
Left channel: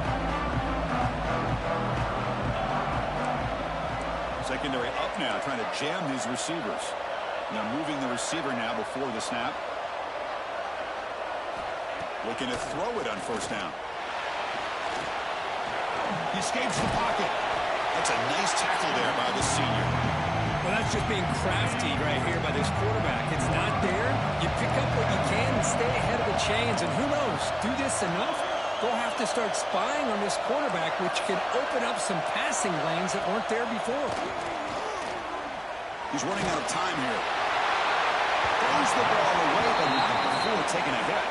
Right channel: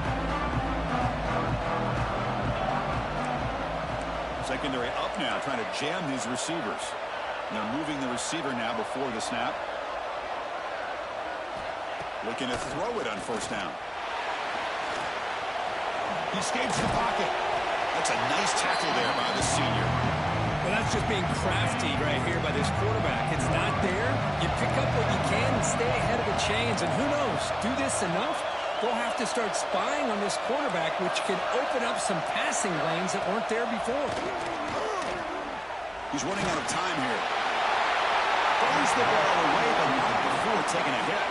Secondary up now, trying to jam these receivers. And they're moving the receiver now before the snap. Looking to throw it on 1st down. He escapes the pocket. That's a nice tackle there by the senior. Well, that's just being crafty right here by this quarterback. It's not there. You pick up what you can and stay ahead of the chains. And who knows, do this enough, they'll have to start spying on this quarterback, which can open up some passing lanes that weren't there before. He's running out of time here. Throws the ball away, but not before taking a hit.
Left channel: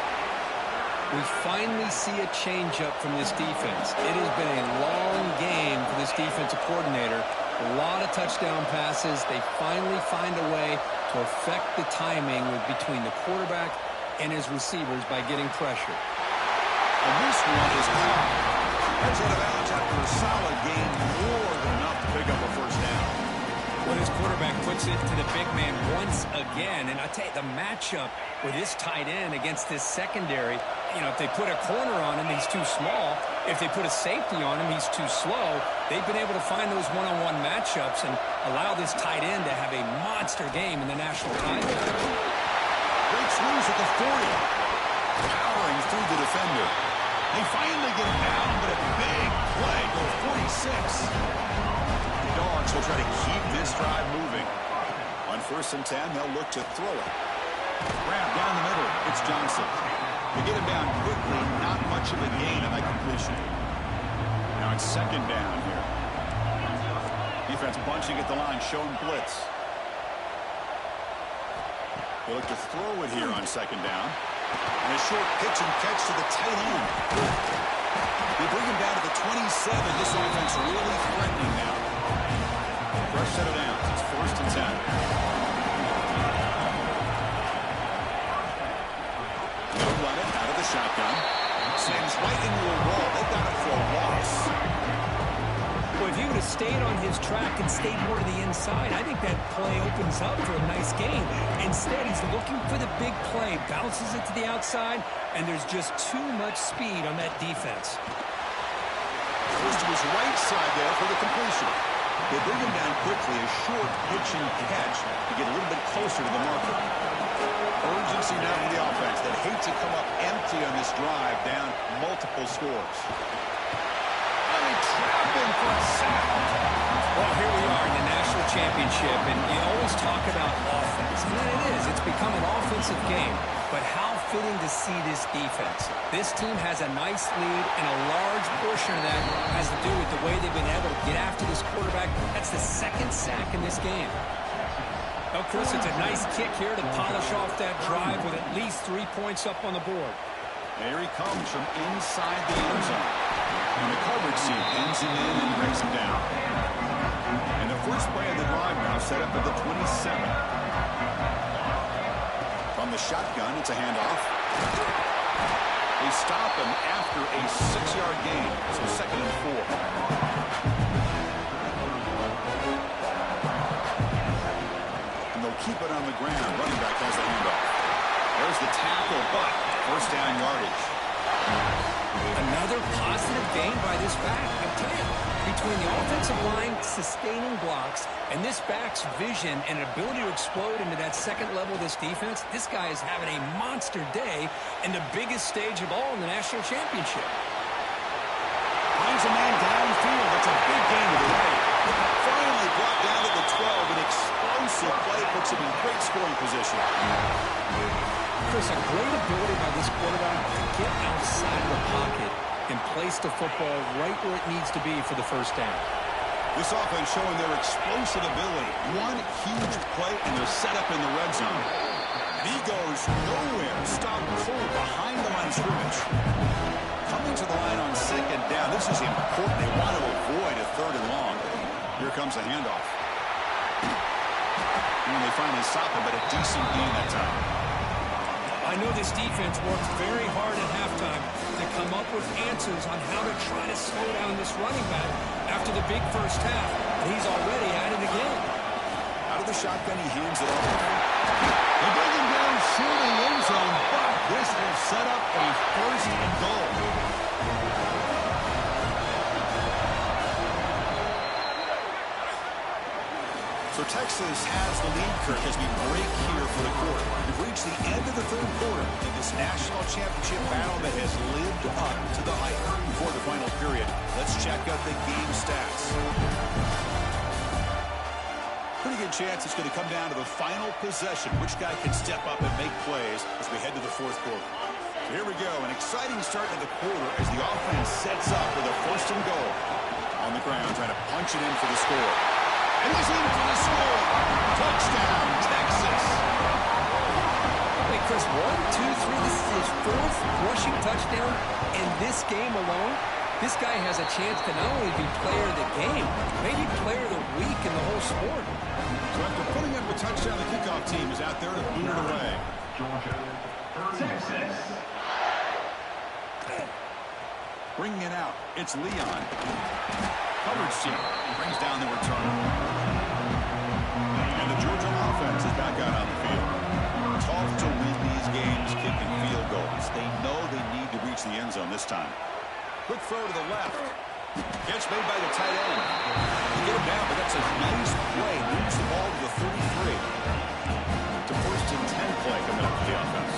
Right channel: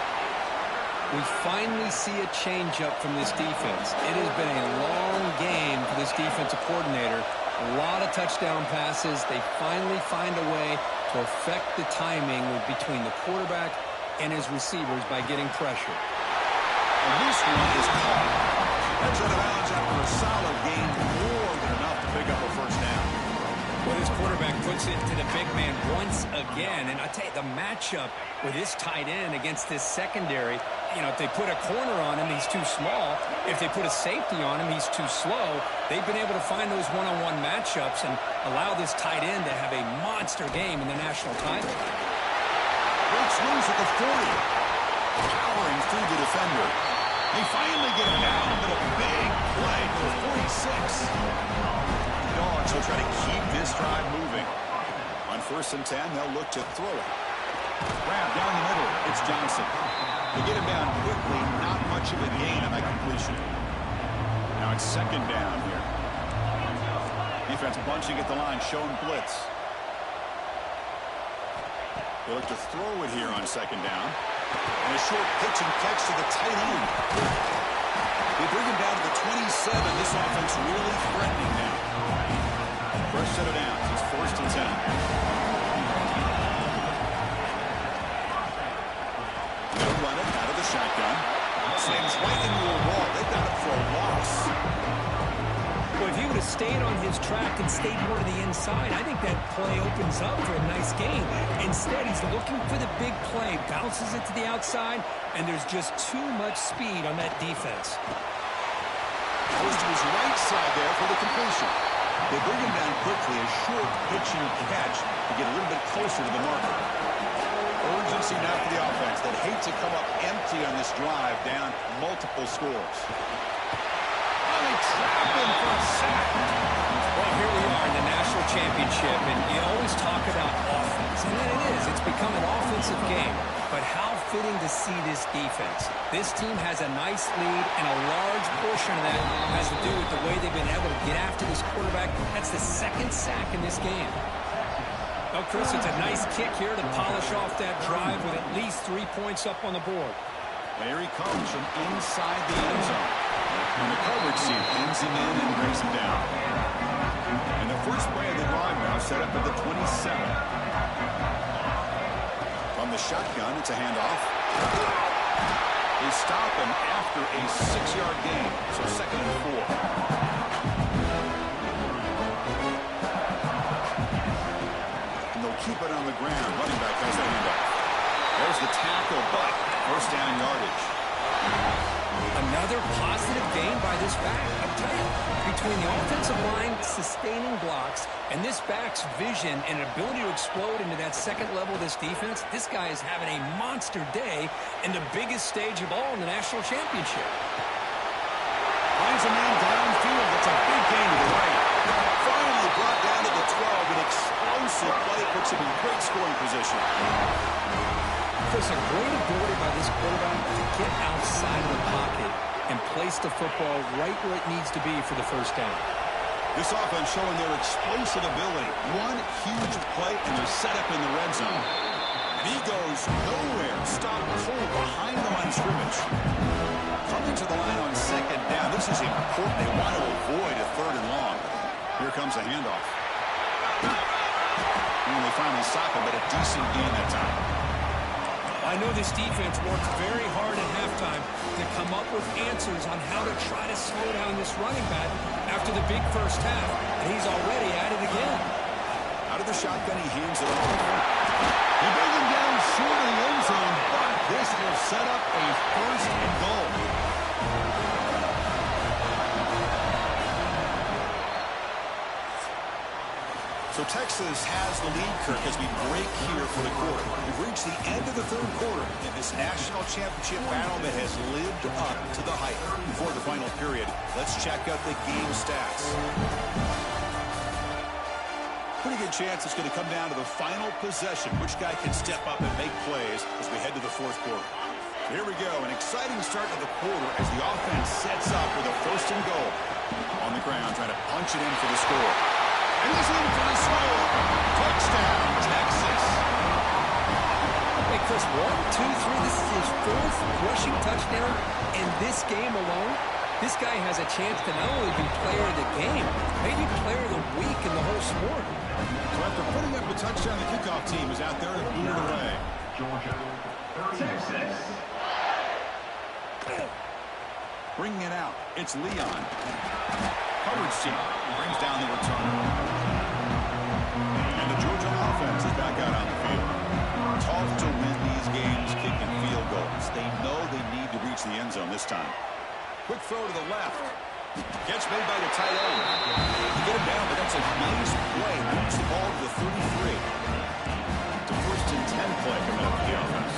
We finally see a changeup from this defense. It has been a long game for this defensive coordinator. A lot of touchdown passes. They finally find a way to affect the timing between the quarterback and his receivers by getting pressure. And this one is caught. Heads out of bounds after a solid gain, more than enough to pick up a 1st down. Well, this quarterback puts it to the big man once again. And I tell you, the matchup with this tight end against this secondary, you know, if they put a corner on him, he's too small. If they put a safety on him, he's too slow. They've been able to find those one-on-one matchups and allow this tight end to have a monster game in the national title. Breaks loose at the 40. Powering through the defender. They finally get him down, but a big play to the 46. The Dogs will try to keep this drive moving. On 1st and 10, they'll look to throw it. Grab down the middle. It's Johnson. They get him down quickly, not much of a gain on that completion. Now it's second down here. Defense bunching at the line, showing blitz. They look to throw it here on second down. And a short pitch and catch to the tight end. They bring him down to the 27. This offense really threatening now. Fresh set of downs. It's 1st and 10. They'll run it out of the shotgun. Slams right into a wall. They got him for a loss. Well, if he would have stayed on his track and stayed more to the inside, I think that play opens up for a nice gain. Instead, he's looking for the big play, bounces it to the outside, and there's just too much speed on that defense. Goes to his right side there for the completion. They bring him down quickly, a short pitch and catch to get a little bit closer to the marker. Urgency now for the offense that hate to come up empty on this drive, down multiple scores. Oh, they trap him for a sack. Well, here we are in the national championship, and you always talk about offense. And it is. It's become an offensive game. But how fitting to see this defense. This team has a nice lead, and a large portion of that has to do with the way they've been able to get after this quarterback. That's the second sack in this game. Well, Chris, it's a nice kick here to polish off that drive with at least 3 points up on the board. There he comes from inside the end zone. And the coverage team pins him in and brings him down. And the first play of the drive now set up at the 27. From the shotgun, it's a handoff. They stop him after a 6-yard gain, so 2nd and 4. And they'll keep it on the ground. Running back has the handoff. There's the tackle, but 1st down yardage. Another positive gain by this back. I tell you, between the offensive line sustaining blocks and this back's vision and ability to explode into that second level of this defense, this guy is having a monster day in the biggest stage of all in the national championship. Finds a man downfield. That's a big gain to the right. Finally brought down to the 12. An explosive play puts him in great scoring position. Chris, a great ability by this quarterback to get outside of the pocket and place the football right where it needs to be for the 1st down. This offense showing their explosive ability. One huge play, and they're set up in the red zone. And he goes nowhere. Stop cold behind the line of scrimmage. Coming to the line on 2nd down. This is important. They want to avoid a 3rd and long. Here comes the handoff. And they finally stop him, but a decent gain that time. I know this defense worked very hard at halftime to come up with answers on how to try to slow down this running back after the big first half, and he's already at it again. Out of the shotgun, he hands it off. They bring him down short of the end zone, but this will set up a 1st and goal. So Texas has the lead, Kirk, as we break here for the quarter. We've reached the end of the 3rd quarter in this national championship battle that has lived up to the hype. Before the final period, let's check out the game stats. Pretty good chance it's going to come down to the final possession. Which guy can step up and make plays as we head to the 4th quarter. So here we go, an exciting start to the quarter as the offense sets up with a 1st and goal. On the ground, trying to punch it in for the score. And he's in for the score. Touchdown, Texas. Wait, Chris, 1, 2, 3. This is his 4th rushing touchdown in this game alone. This guy has a chance to not only be player of the game, maybe player of the week in the whole sport. So after putting up a touchdown, the kickoff team is out there to boot it away. Georgia, Texas. Bringing it out, it's Leon. Coverage team brings down the returner. And the Georgia offense is back out on the field. Tough to win these games kicking field goals. They know they need to reach the end zone this time. Quick throw to the left. Catch made by the tight end. To get him down, but that's a nice play. Moves the ball to the 33. It's a 1st and 10 play coming up for the offense.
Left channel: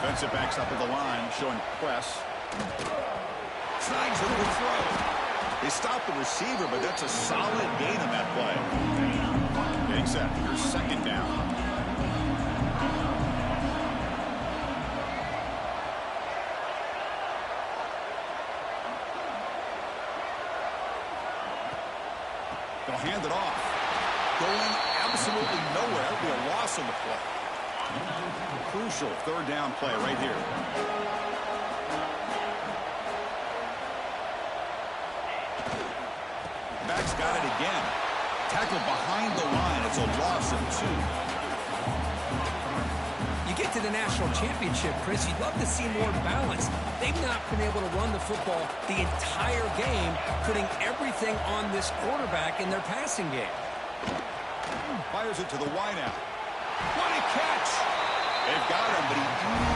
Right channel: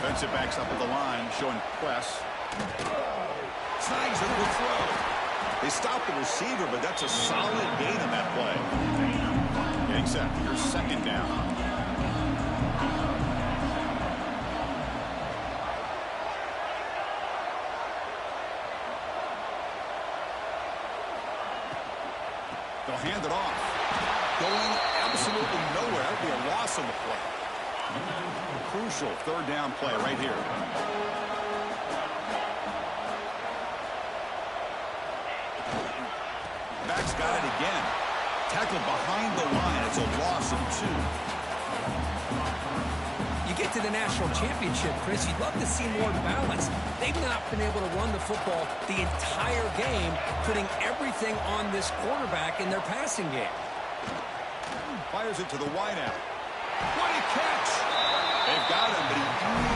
Defensive backs up at the line, showing press. Snags a little throw. They stop the receiver, but that's a solid gain on that play. Getting set. Here's 2nd down. They'll hand it off. Going absolutely nowhere. That would be a loss on the play. Crucial third down play right here. Back's got it again. Tackled behind the line. It's a loss of 2. You get to the national championship, Chris, you'd love to see more balance. They've not been able to run the football the entire game, putting everything on this quarterback in their passing game. Fires it to the wideout. What a catch! They've got him, but he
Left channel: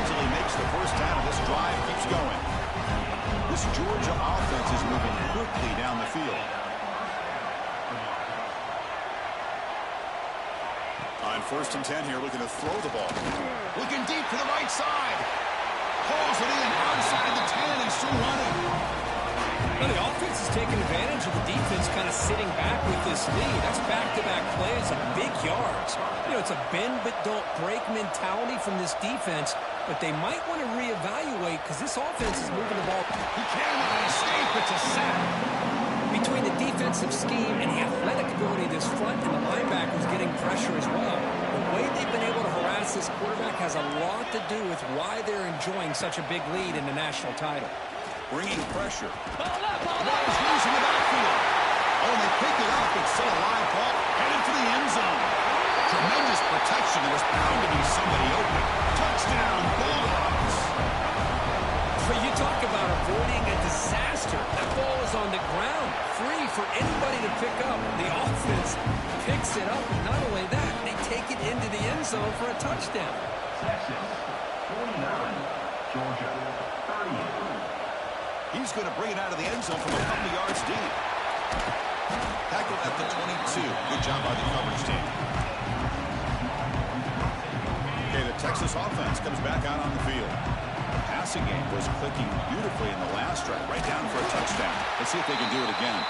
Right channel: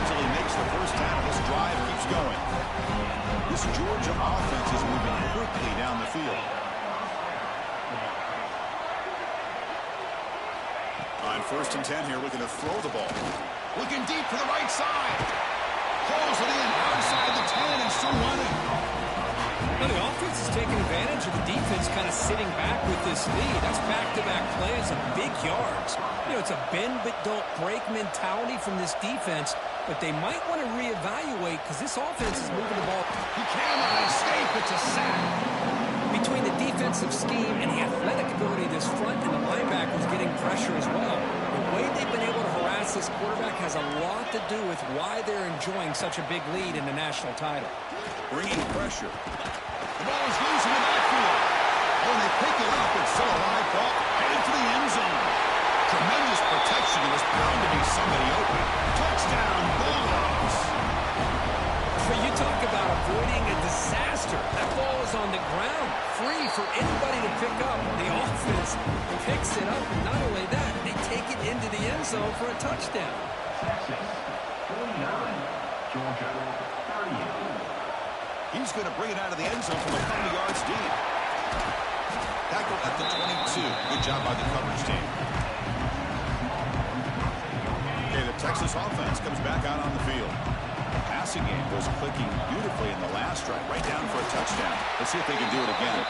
easily makes the first down, and this drive keeps going. This Georgia offense is moving quickly down the field. On 1st and 10 here, looking to throw the ball. Looking deep to the right side. Pulls it in outside the 10 and still running. Well, the offense is taking advantage of the defense kind of sitting back with this lead. That's back-to-back plays of big yards. You know, it's a bend but don't break mentality from this defense, but they might want to reevaluate because this offense is moving the ball. He cannot escape. It's a sack. Between the defensive scheme and the athletic ability of this front and the linebackers getting pressure as well, the way they've been able to harass this quarterback has a lot to do with why they're enjoying such a big lead in the national title. Bringing pressure. The ball is loose in the backfield. Oh, and they pick it up. It's still a live ball headed for the end zone. Tremendous protection. There was bound to be somebody open. Touchdown, Bulldogs. But you talk about avoiding a disaster. That ball is on the ground, free for anybody to pick up. The offense picks it up, and not only that, they take it into the end zone for a touchdown. Texas, 49. Georgia, 30. He's going to bring it out of the end zone from a couple yards deep. Tackled at the 22. Good job by the coverage team. Okay, the Texas offense comes back out on the field. The passing game was clicking beautifully in the last drive, right down for a touchdown. Let's see if they can do it again.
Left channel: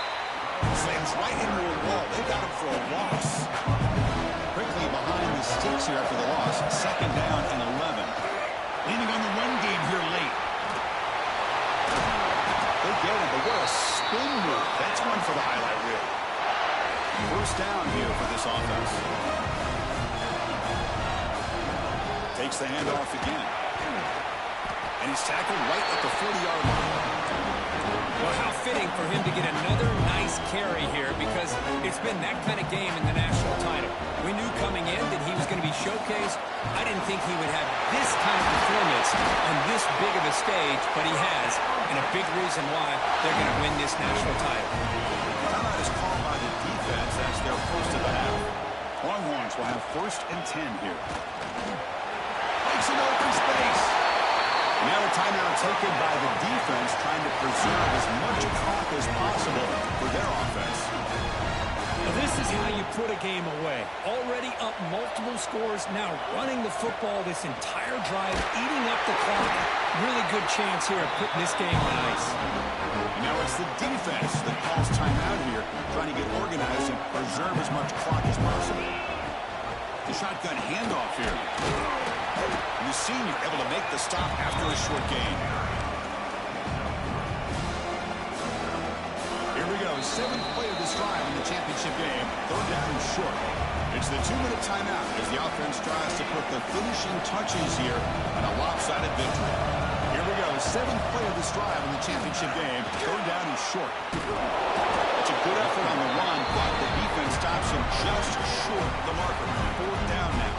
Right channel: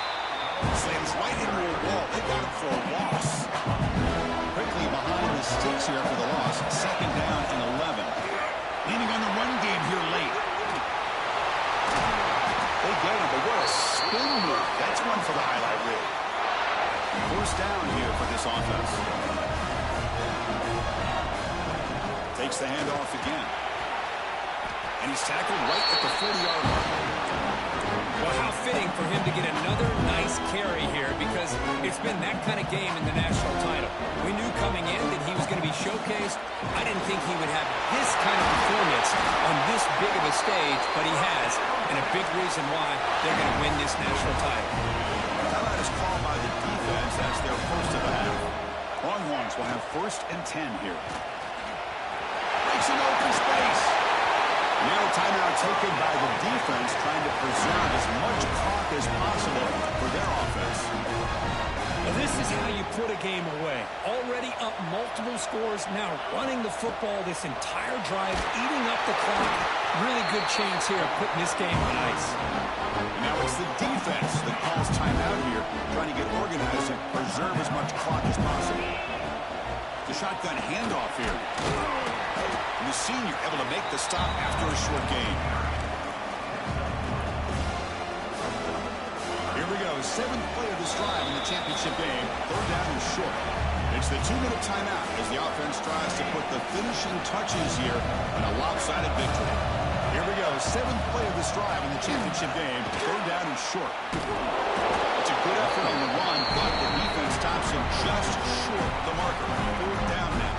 Slams right into a wall. They got him for a loss. Quickly behind the sticks here after the loss. 2nd down and 11. Leaning on the run game here late. They get him, but what a spin move. That's one for the highlight reel. 1st down here for this offense. Takes the handoff again. And he's tackled right at the 40-yard line. Well, how fitting for him to get another nice carry here because it's been that kind of game in the national title. We knew coming in that he was going to be showcased. I didn't think he would have this kind of performance on this big of a stage, but he has, and a big reason why they're going to win this national title. Timeout is called by the defense. That's their first of the half. Longhorns will have 1st and 10 here. Breaks an open space. Now a timeout taken by the defense, trying to preserve as much clock as possible for their offense. Well, this is how you put a game away. Already up multiple scores, now running the football this entire drive, eating up the clock. Really good chance here of putting this game on ice. Now it's the defense that calls timeout here, trying to get organized and preserve as much clock as possible. The shotgun handoff here. And the senior able to make the stop after a short gain. Here we go. 7th play of this drive in the championship game. 3rd down and short. It's the 2-minute timeout as the offense tries to put the finishing touches here on a lopsided victory. Here we go. 7th play of this drive in the championship game. 3rd down and short. It's a good effort on the run, but the defense stops him just short of the marker. 4th down now.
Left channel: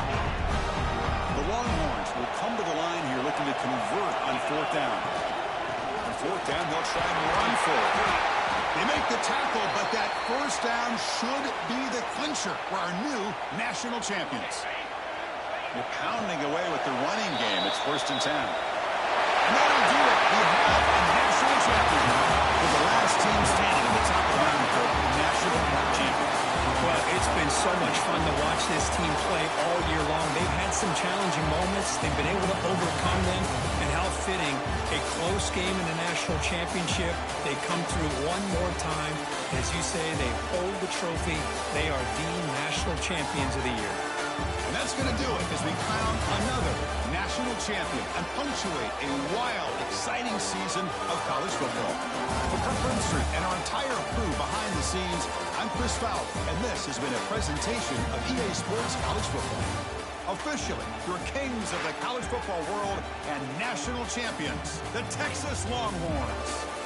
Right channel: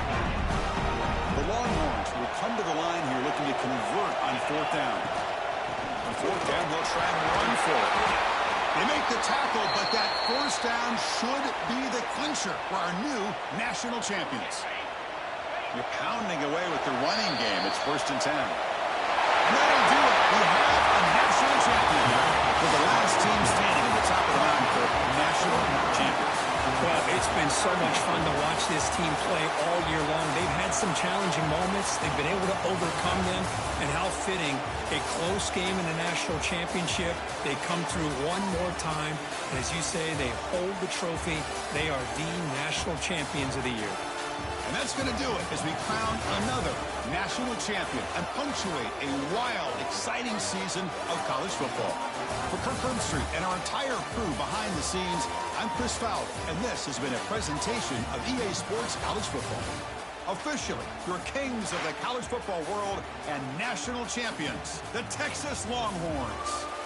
The Longhorns will come to the line here looking to convert on 4th down. On 4th down, they'll try and run for it. They make the tackle, but that 1st down should be the clincher for our new national champions. They're pounding away with the running game. It's 1st and 10. And that'll do it. We have a national champion now for the last team standing at the top of the mountain for national champions. Well, it's been so much fun to watch this team play all year long. They've had some challenging moments. They've been able to overcome them. And how fitting, a close game in the national championship. They come through one more time. And as you say, they hold the trophy. They are the national champions of the year. And that's going to do it as we crown another national champion and punctuate a wild, exciting season of college football. For Kirk Herbstreit and our entire crew behind the scenes, I'm Chris Fowler, and this has been a presentation of EA Sports College Football. Officially, your kings of the college football world and national champions, the Texas Longhorns.